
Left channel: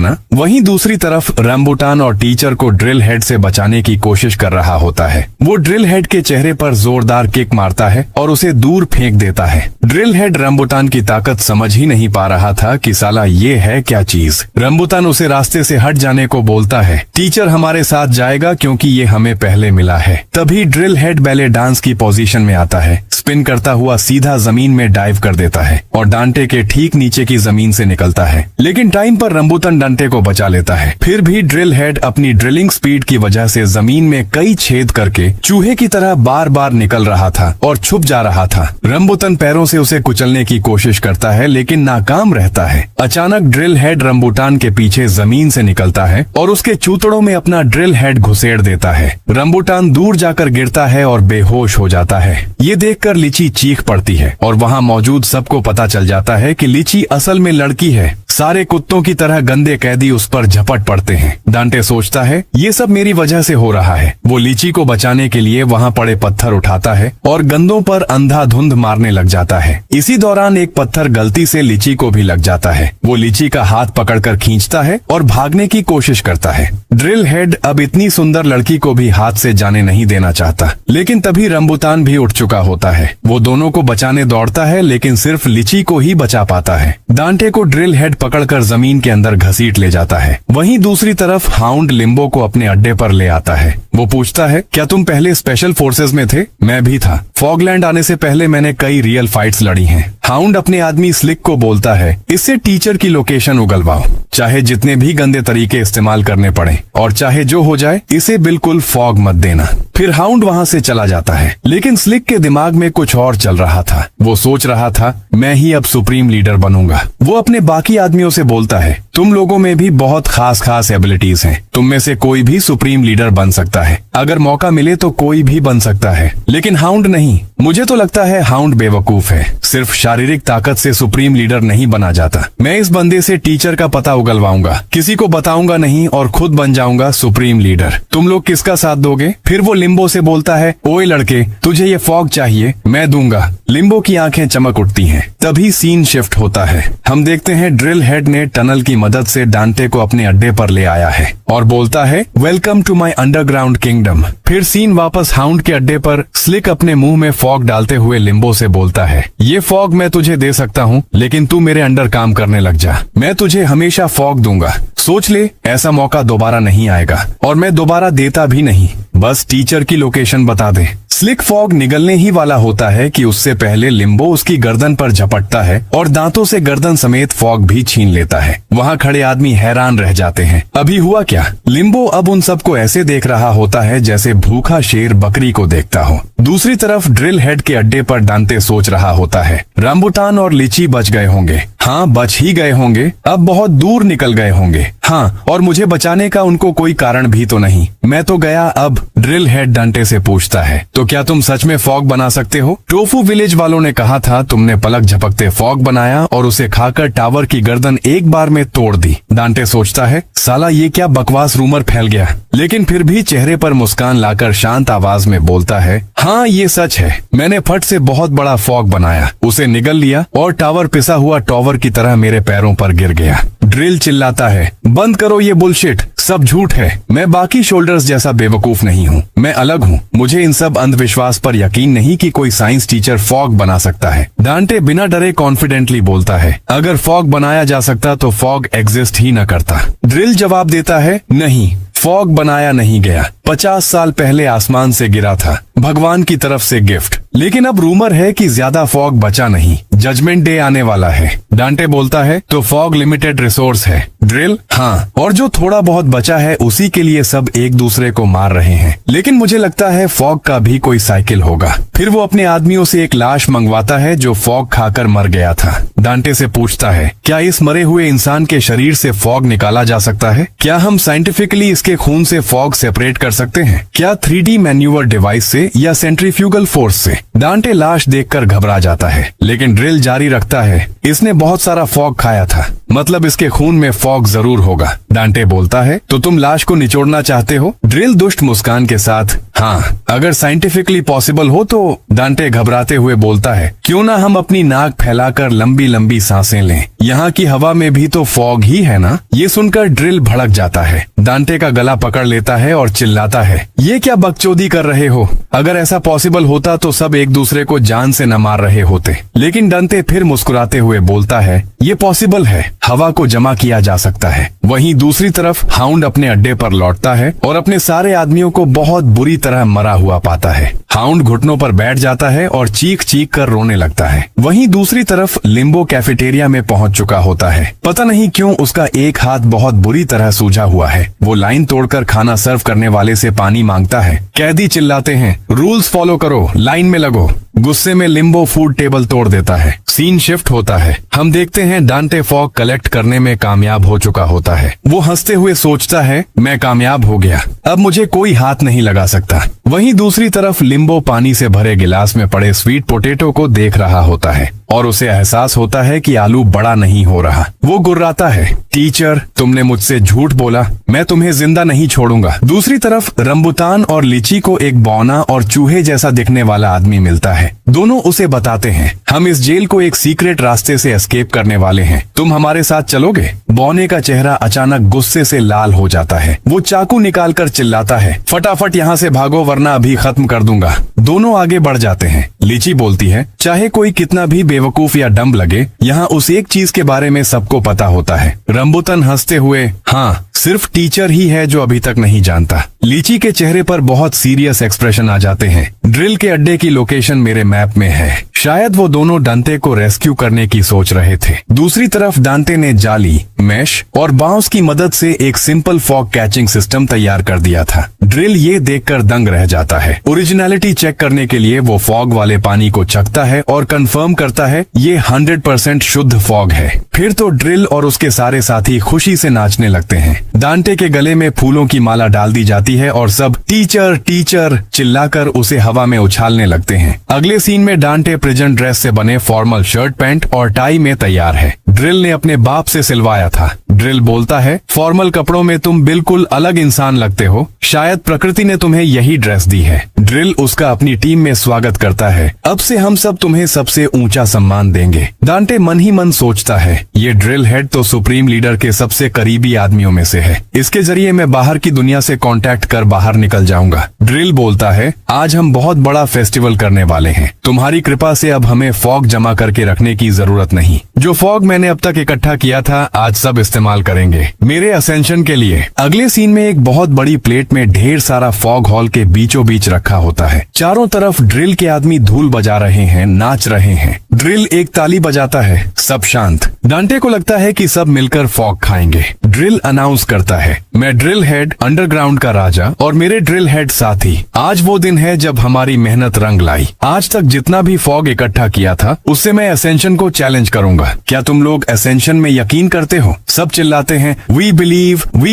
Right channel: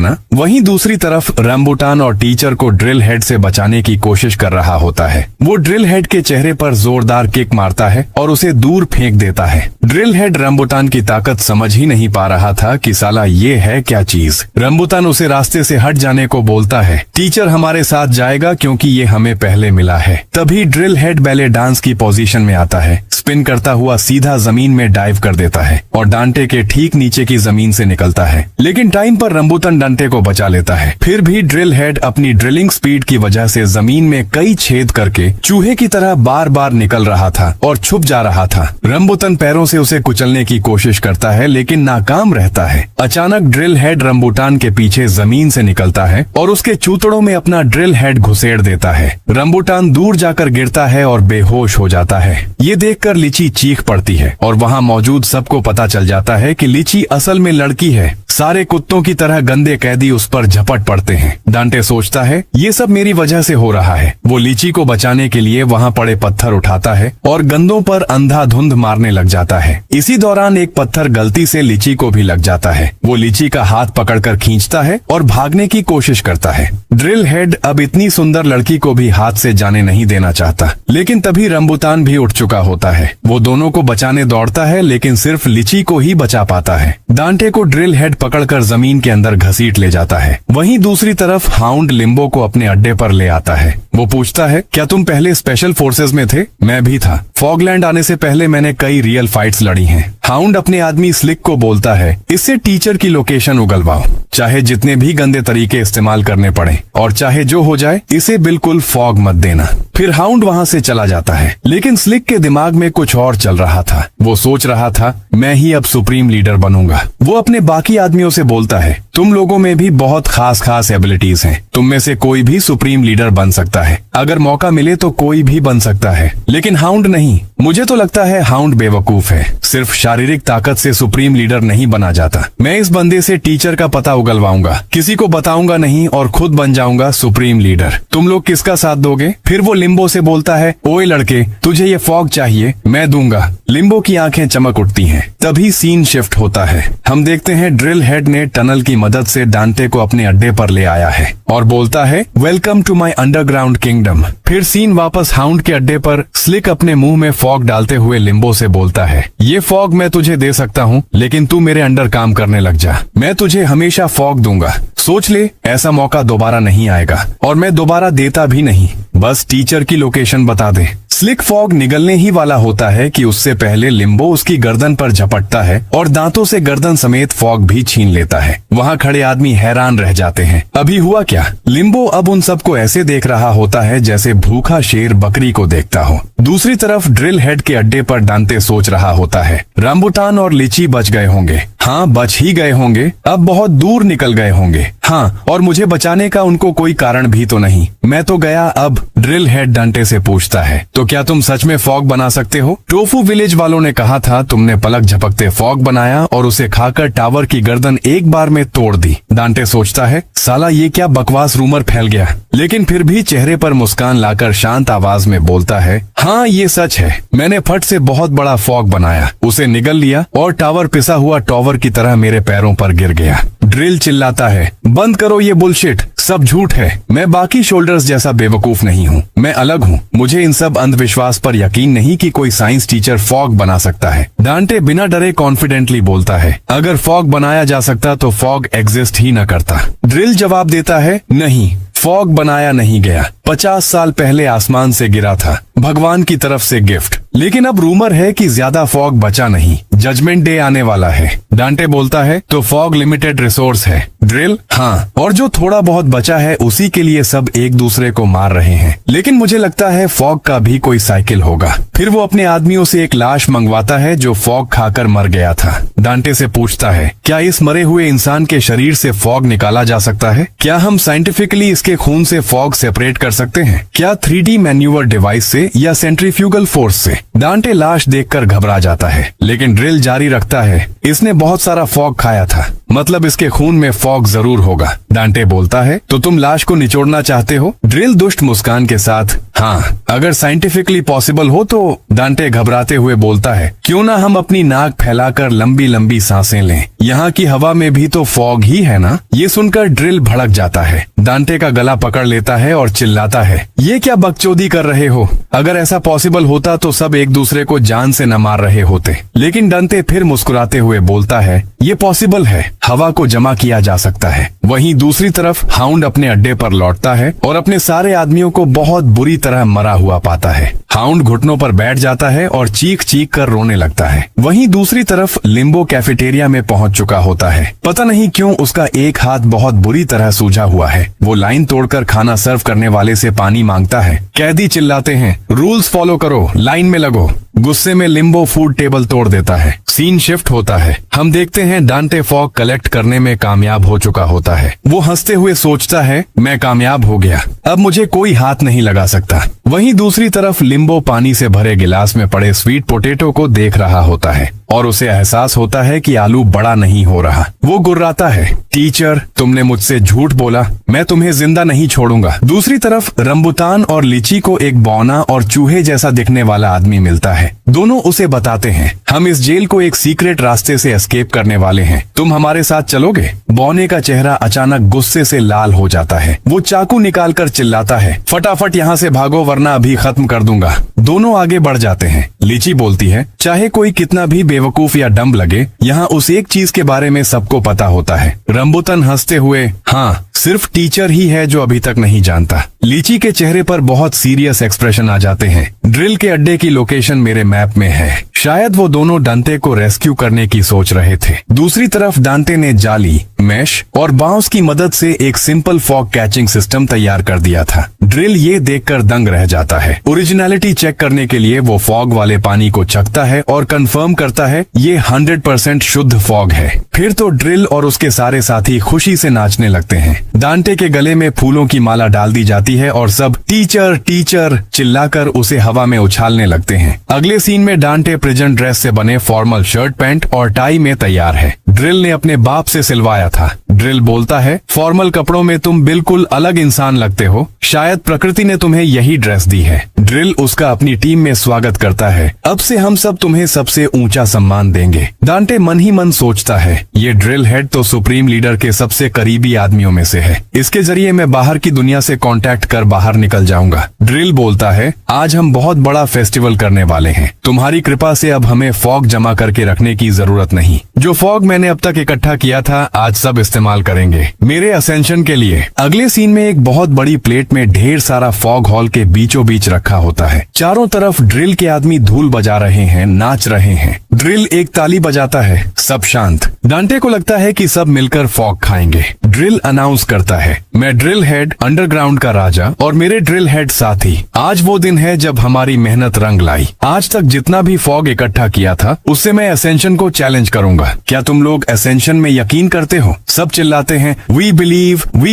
ना? वहीं दूसरी तरफ रंबुटान और टीचर को ड्रिल हेड से बचाने की कोशिश कर रहा होता है। वो ड्रिल हेड के चेहरे पर जोरदार किक मारता है और उसे दूर फेंक देता है। ड्रिल हेड रंबुटान की ताकत समझ ही नहीं पा रहा था कि साला ये है क्या चीज। रंबुटान उसे रास्ते से हट जाने को बोलता है। टीचर हमारे साथ जाएगा क्योंकि ये हमें पहले मिला है। तभी ड्रिल हेड बैले डांस की पोजीशन में आता है। स्पिन करता हुआ सीधा जमीन में डाइव कर देता है और डांटे के ठीक नीचे की जमीन से निकलता है। लेकिन टाइम पर रंबुटान डांटे को बचा लेता है। फिर भी ड्रिल हेड अपनी ड्रिलिंग स्पीड की वजह से जमीन में कई छेद करके चूहे की तरह बार बार निकल रहा था और छुप जा रहा था। रंबुटान पैरों से उसे कुचलने की कोशिश करता है लेकिन नाकाम रहता है। अचानक ड्रिल हेड रंबुटान के पीछे जमीन से निकलता है और उसके चूतड़ों में अपना ड्रिल हेड घुसेड़ देता है। रंबुटान दूर जाकर गिरता है और बेहोश हो जाता है। ये देखकर लीची चीख पड़ती है और वहाँ मौजूद सबको पता चल जाता है कि लीची असल में लड़की है। सारे कुत्तों की तरह गंदे कैदी उस पर झपट पड़ते हैं। डांटे सोचता है ये सब मेरी वजह से हो रहा है। वो लीची को बचाने के लिए वहाँ पड़े पत्थर उठाता है और गंदों पर अंधाधुंध मारने लग जाता है। इसी दौरान एक पत्थर गलती से लीची को भी लग जाता है। वो लीची का हाथ पकड़कर खींचता है और भागने की कोशिश करता है। ड्रिल हेड अब इतनी सुंदर लड़की को भी हाथ से जाने नहीं देना चाहता। लेकिन तभी रंबुटान भी उठ चुका होता है। वो दोनों को बचाने दौड़ता है लेकिन सिर्फ लीची को ही बचा पाता है। डांटे को ड्रिल हेड पकड़कर जमीन के अंदर घसीट ले जाता है। वहीं दूसरी तरफ हाउंड लिम्बो को अपने अड्डे पर ले आता है। वो पूछता है, क्या तुम पहले स्पेशल फोर्सेस में थे? मैं भी था। फॉगलैंड आने से पहले मैंने कई रियल फाइट्स लड़ी हैं। हाउंड अपने आदमी स्लिक को बोलता है, इससे टीचर की लोकेशन उगलवाओ, चाहे जितने भी गंदे तरीके इस्तेमाल करने पड़े और चाहे जो हो जाए, इसे बिल्कुल फॉग मत देना। फिर हाउंड वहाँ से चला जाता है। लेकिन स्लिक के दिमाग में कुछ और चल रहा था। वो सोच रहा था, मैं ही अब सुप्रीम लीडर बनूंगा। वो अपने बाकी आदमियों से बोलता है, तुम लोगों में भी बहुत खास एबिलिटीज हैं। तुम में से कोई भी सुप्रीम लीडर बन सकता है। अगर मौका मिले तो कोई भी बन सकता है। लेकिन हाउंड नहीं। मुझे तो लगता है हाउंड बेवकूफ है। सिर्फ शारीरिक ताकत से सुप्रीम लीडर नहीं बना जाता। मैं इस बंदे से टीचर का पता उगलवाऊंगा, किसी को बताऊंगा नहीं और खुद बन जाऊंगा सुप्रीम लीडर। तुम लोग किसका साथ दोगे? फिर वो लिम्बो से बोलता है, ओए लड़के, तुझे ये फॉग चाहिए, मैं दूंगा। लिम्बो की आंखें चमक उठती हैं। तभी सीन शिफ्ट होता है। हम देखते हैं ड्रिल हेड ने टनल की मदद से डांटे को अपने अड्डे पर ले आया है और बोलता है, welcome to my underground kingdom. फिर सीन वापस हाउंड के अड्डे पर स्लिक अपने मुंह में फॉग डालते हुए लिम्बो से बोलता है, ये फॉग मैं तुझे दे सकता हूँ लेकिन तू मेरे अंडर काम करने लग जा। मैं तुझे हमेशा फॉग दूंगा। सोच ले, ऐसा मौका दोबारा नहीं आएगा और मैं दोबारा देता भी नहीं। बस टीचर की लोकेशन बता दे। स्लिक फॉग निगलने ही वाला होता है कि उससे पहले लिम्बो उसकी गर्दन पर झपटता है और दांतों से गर्दन समेत फॉग भी छीन लेता है। वहाँ खड़े आदमी हैरान रह जाते हैं। अभी हुआ क्या? लिम्बो अब उन सबको ऐसे देख रहा होता है जैसे भूखा शेर बकरी को देखता हो। दूसरी तरफ ड्रिल हेड के अड्डे पर डांटे सोच रहा होता है, रंबुटान और लीची बच गए होंगे। हाँ, बच ही गए होंगे। अब बहुत दूर निकल गए होंगे। हाँ, और मुझे बचाने का उनको कोई कारण भी तो नहीं। मैं तो गया अब ड्रिल हेड डांटे से पूछता है, तो क्या तुम सच में फॉग बना सकते हो? टोफू विलेज वालों ने कहा था तुमने पलक झपकते फॉग बनाया और उसे खाकर टावर की गर्दन एक बार में तोड़ दी। डांटे सोचता है, साला ये क्या बकवास रूमर फैल गया, लेकिन फिर भी चेहरे पर मुस्कान लाकर शांत आवाज में बोलता है, हाँ ये सच है, मैंने फट से बहुत बड़ा फॉग बनाया, उसे निगल लिया और टावर पिसा हुआ टॉवर की तरह मेरे पैरों पर गिर गया। ड्रिल चिल्लाता है, बंद करो ये बुलशिट, सब झूठ है, मैं बाकी शोल्डर्स जैसा बेवकूफ नहीं हूँ, मैं अलग हूँ। मुझे इन सब अंधविश्वास पर यकीन नहीं कि कोई साइंस टीचर फॉग बना सकता है। डांटे बिना डरे कॉन्फिडेंटली बोलता है, अगर फॉग बनाया जा सकता तो फॉग एग्जिस्ट ही न करता। ड्रिल जवाब देता है, नहीं, फॉग बनाया नहीं गया, 50 साल पहले आसमान से गिरा था, भगवान की तरफ से गिफ्ट। लेकिन अब रूमर है कि ज्यादा फॉग बचा नहीं, जजमेंट डे आने वाला है। डांटे बोलता है, तो फॉग लिमिटेड रिसोर्स है। ड्रिल, हाँ, और जो थोड़ा बहुत बचा है उसी के लिए सब एक दूसरे को मार रहे हैं। लेकिन मुझे लगता है फॉग का भी कोई साइकिल होगा। फिर वो अपने आदमियों से एक लाश मंगवाता है जो फॉग खाकर मर गया था। डांटे से पूछता है, क्या इस मरे हुए इंसान के शरीर से फॉग निकाला जा सकता है? क्या हम साइंटिफिकली इसके खून से फॉग सेपरेट कर सकते हैं? क्या 3D मैन्यूवर डिवाइस से या सेंट्रीफ्यूगल फोर्स से? डांटे लाश देखकर घबरा जाता है, लेकिन ड्रिल जारी रखता है, इसने बहुत सारा फॉग खाया था, मतलब इसके खून में फॉग जरूर होगा। डांटे बोलता है, तो तुम लाश को निचोड़ना चाहते हो? ड्रिल दुष्ट मुस्कान के साथ, हाँ, अगर साइंटिफिकली पॉसिबल हो तो। डांटे घबराते हुए बोलता है, क्यों ना हम अपनी नाक फैलाकर लंबी लंबी सांसें लें, यहाँ की हवा में भी तो फॉग ही है ना। ये सुनकर ड्रिल भड़क जाता है, डांटे का गला पकड़ लेता है और चिल्लाता है, ये क्या बकचोदी कर रहे हो? अगर ऐसा पॉसिबल होता तो सब एक दूसरे को जान से न मार रहे होते। लेकिन डांटे फिर मुस्कुराते हुए बोलता है, ये पॉसिबल है, हवा को जमा किया जा सकता है। वहीं दूसरी तरफ हाउंड अपने अड्डे पर लौटता है और अपने सारे आदमियों को बहुत बुरी तरह मरा हुआ पाता है। हाउंड घुटनों पर बैठ जाता है और चीख चीख कर रोने लगता है। वहीं दूसरी तरफ लिम्बो कैफेटेरिया में पहुंच चुका होता है। पता नहीं क्यों उसका एक हाथ बहुत बुरी तरह सूजा हुआ है। वो लाइन तोड़कर खाना सर्व करने वाले से पानी मांगता है। कैदी चिल्लाते हैं, रूल्स फॉलो करो, लाइन में लगो। गुस्से में लिम्बो फूड टेबल तोड़ देता है। सीन शिफ्ट होता है। हम देखते हैं डांटे फॉग कलेक्ट करने में कामयाब हो चुका होता है। वो हंसते हुए सोचता है, मैं कामयाब हो गया, अब मुझे कोई हाथ नहीं लगा सकता। वहीं दूसरी तरफ लिम्बो पानी से भरे गिलास में पड़े स्वीट पोटैटो को देख रहा होता है और उसे एहसास होता है कि आलू बड़ा नहीं हो रहा। वो गुर्राता है, टीचर तुमने मुझसे झूठ बोला, मैं तुम्हें जिंदा नहीं छोड़ूंगा। दूसरी तरफ रंबुतान और लीची को एक बौना और चूहे जैसा दिखने वाला आदमी मिलता है। दोनों उसे बताते हैं, हम इस जेल को एक सीक्रेट रास्ते से एस्केप करने वाले हैं, तुम हमारे साथ चलोगे? बौने का चेहरा अचानक गुस्से से लाल हो जाता है। वो चाकू निकालकर चिल्लाता है, फटाफट यहाँ से भागो वरना अभी खत्म कर दूंगा। दोनों आगे बढ़ जाते हैं। लीची बोलती है, चाहे कोई कितना भी बेवकूफ या डम्ब लगे, यहाँ उस एक चीज के बारे में सबको पता होता है। रंबुतान हंसते हुए, हाँ, सिर्फ टीचर ही है जो अभी तक नहीं जानता। लीची के चेहरे पर बहुत सीरियस एक्सप्रेशन आ जाते हैं। ड्रिल के अड्डे की लोकेशन मेरे मैप में है। शायद वो दोनों डांटे को रेस्क्यू करने की सोच रहे थे। दूसरी तरफ डांटे ने जाली, मैश और बांस की मदद से एक सिंपल फॉग कैचिंग सिस्टम तैयार कर दिया था। ड्रिल ये देखकर दंग रह जाता है। ओरिजिनलिटी चेक करने के लिए वो फॉग वाले पानी को चखता है और कंफर्म करता है ये 100% शुद्ध फॉग है। फिर तो ड्रिल और उसके सारे साथी खुशी से नाचने लगते हैं। डांटे के गले में फूलों की माला डाल दी जाती है और सब टीचर टीचर चिल्लाकर उसे हवा में उछालने लगते हैं। अगले सीन में डांटे प्रिजन ड्रेस से बने फॉर्मल शर्ट पैंट और टाई में तैयार है। ड्रिल ने अपने बाप से सिलवाया था। ड्रिल बोलता है, फॉर्मल कपड़ों में तुम बिल्कुल अलग इंसान लगते हो, शायद प्रकृति ने तुम्हें यही ड्रेस दी है। ड्रिल उसका अपनी टीम में स्वागत करता है। अब से हम सब तुम्हें सबसे ऊंचा सम्मान देंगे। डांटे मन ही मन सोचता है, ये ड्रिल हेड तो सुप्रीम लीडर के सबसे करीबी आदमियों में से है। इसके जरिए मैं बाहर की दुनिया से कांटेक्ट कर बाहर निकल जाऊंगा। ड्रिल बोलता है, आज हम बहुत बड़ा फेस्टिवल करने वाले हैं। तुम्हारी कृपा से अब हमें फॉग जमा करके रखने की जरूरत नहीं। जो फॉग मैंने अब तक इकट्ठा किया था आज सब इस्तेमाल करेंगे मेरे असेंशन के लिए। अगले सीन में एक बहुत बड़ी प्लेट में ढेर सारा फॉग हॉल के बीचों बीच रखा होता है। चारों तरफ ड्रिल के आदमी धूल बजा रहे हैं, नाच रहे हैं। ड्रिल एक ताली बजाता है, सब शांत। डांटे को लगता है कि सब मिलकर फॉग खाएंगे। ड्रिल अनाउंस करता है, मैं ड्रिल हेड, अंडरग्राउंड का राजा और मेरे ड्रिल हेड साथी, आज वो दिन है जब हमारी मेहनत रंग लाई। आज तक जितना भी फॉग इकट्ठा किया था उससे मैं एसेंशन को चैलेंज करूंगा। क्या तुम लोग एसेंशन में यकीन करते हो? सब चिल्लाते हैं we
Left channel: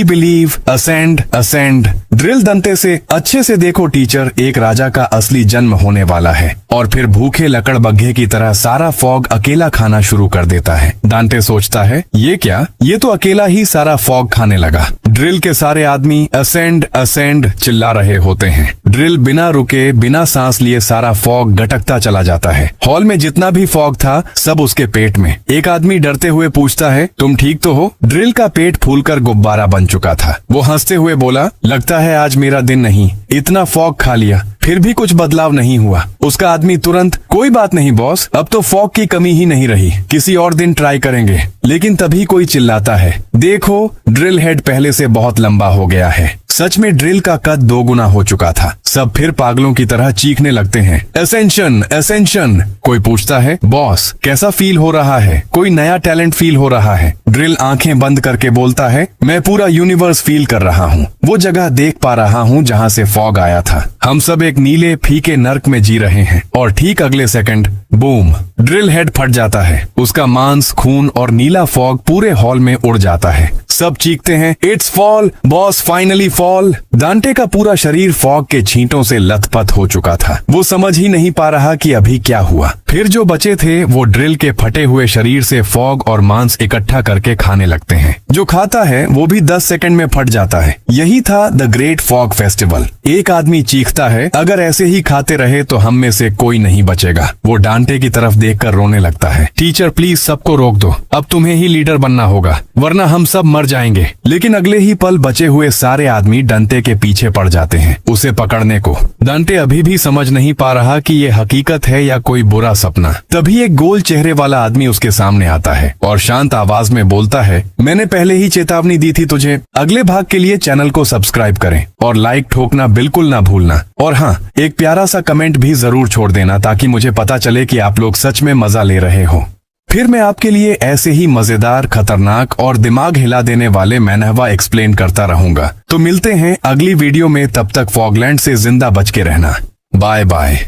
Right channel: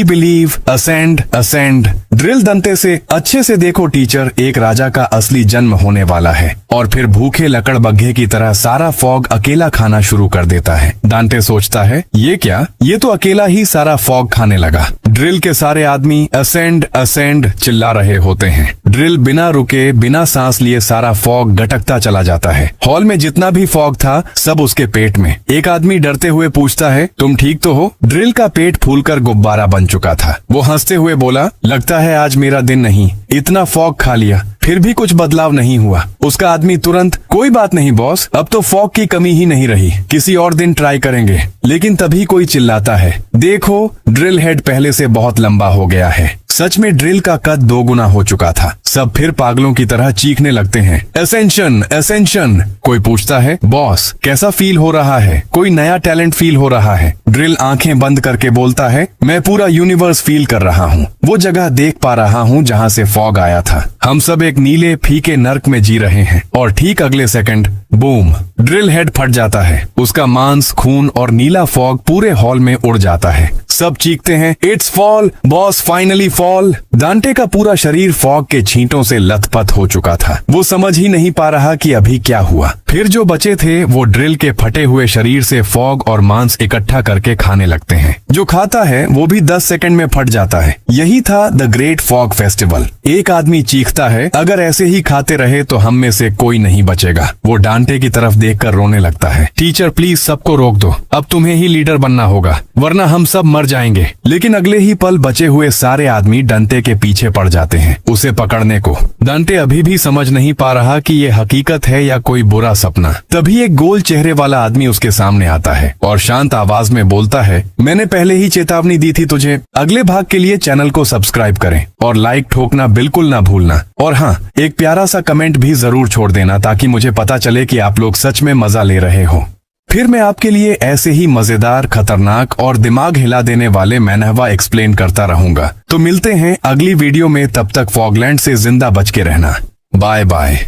believe, ascend ascend. Drill Dante से अच्छे से देखो टीचर, एक राजा का असली जन्म होने वाला है और फिर भूखे लकड़बग्घे की तरह सारा फॉग अकेला खाना शुरू कर देता है। दांते सोचता है ये क्या, ये तो अकेला ही सारा फॉग खाने लगा। ड्रिल के सारे आदमी असेंड असेंड चिल्ला रहे होते हैं। ड्रिल बिना रुके बिना सांस लिए सारा फॉग गटकता चला जाता है। हॉल में जितना भी फॉग था सब उसके पेट में। एक आदमी डरते हुए पूछता है तुम ठीक तो हो? ड्रिल का पेट फूलकर गुब्बारा बन चुका था। वो हंसते हुए बोला लगता है आज मेरा दिन नहीं, इतना फॉग खा लिया फिर भी कुछ बदलाव नहीं हुआ। उसका आदमी तुरंत कोई बात नहीं बॉस, अब तो फॉग की कमी ही नहीं रही, किसी और दिन ट्राई करेंगे। लेकिन तभी कोई चिल्लाता है देखो ड्रिल हेड पहले से बहुत लंबा हो गया है। सच में ड्रिल का कद 2 गुना हो चुका था। सब फिर पागलों की तरह चीखने लगते हैं एसेंशन एसेंशन। कोई पूछता है बॉस कैसा फील हो रहा है? कोई नया टैलेंट फील हो रहा है? ड्रिल आंखें बंद करके बोलता है मैं पूरा यूनिवर्स फील कर रहा हूँ, वो जगह देख पा रहा हूँ जहाँ से फॉग आया था। हम सब एक नीले फीके नर्क में जी रहे हैं। और ठीक अगले सेकंड बूम, ड्रिल हेड फट जाता है। उसका मांस, खून और नीला फॉग पूरे हॉल में उड़ जाता है। सब चीखते हैं it's fall boss, finally fall. Dante का पूरा शरीर फॉग के छींटों से लथपथ हो चुका था। वो समझ ही नहीं पा रहा कि अभी क्या हुआ। फिर जो बचे थे वो ड्रिल के फटे हुए शरीर से फॉग और मांस इकट्ठा करके खाने लगते हैं। जो खाता है वो भी 10 सेकंड में फट जाता है। यही था द ग्रेट फॉग फेस्टिवल। एक आदमी चीखता है अगर ऐसे ही खाते रहे तो हम में से कोई नहीं बचेगा। वो डांटे की तरफ देखकर रोने लगता है टीचर प्लीज सबको रोक दो, अब तुम्हें ही लीडर बनना होगा वरना हम सब मर जाएंगे। लेकिन अगले ही पल बचे हुए सारे आदमी डंटे के पीछे पड़ जाते हैं उसे पकड़ने को। डंटे अभी भी समझ नहीं पा रहा कि ये हकीकत है या कोई बुरा सपना। तभी एक गोल चेहरे वाला आदमी उसके सामने आता है और शांत आवाज में बोलता है मैंने पहले ही चेतावनी दी थी तुझे। अगले भाग के लिए चैनल को सब्सक्राइब करें और लाइक ठोकना बिल्कुल ना भूलना। और हाँ, एक प्यारा सा कमेंट भी जरूर छोड़ देना ताकि मुझे पता चले कि आप लोग सच में मजा ले रहे हो। फिर मैं आपके लिए ऐसे ही मजेदार, खतरनाक और दिमाग हिला देने वाले मैनहवा एक्सप्लेन करता रहूंगा। तो मिलते हैं अगली वीडियो में, तब तक फॉगलैंड से जिंदा बच के रहना। Bye bye.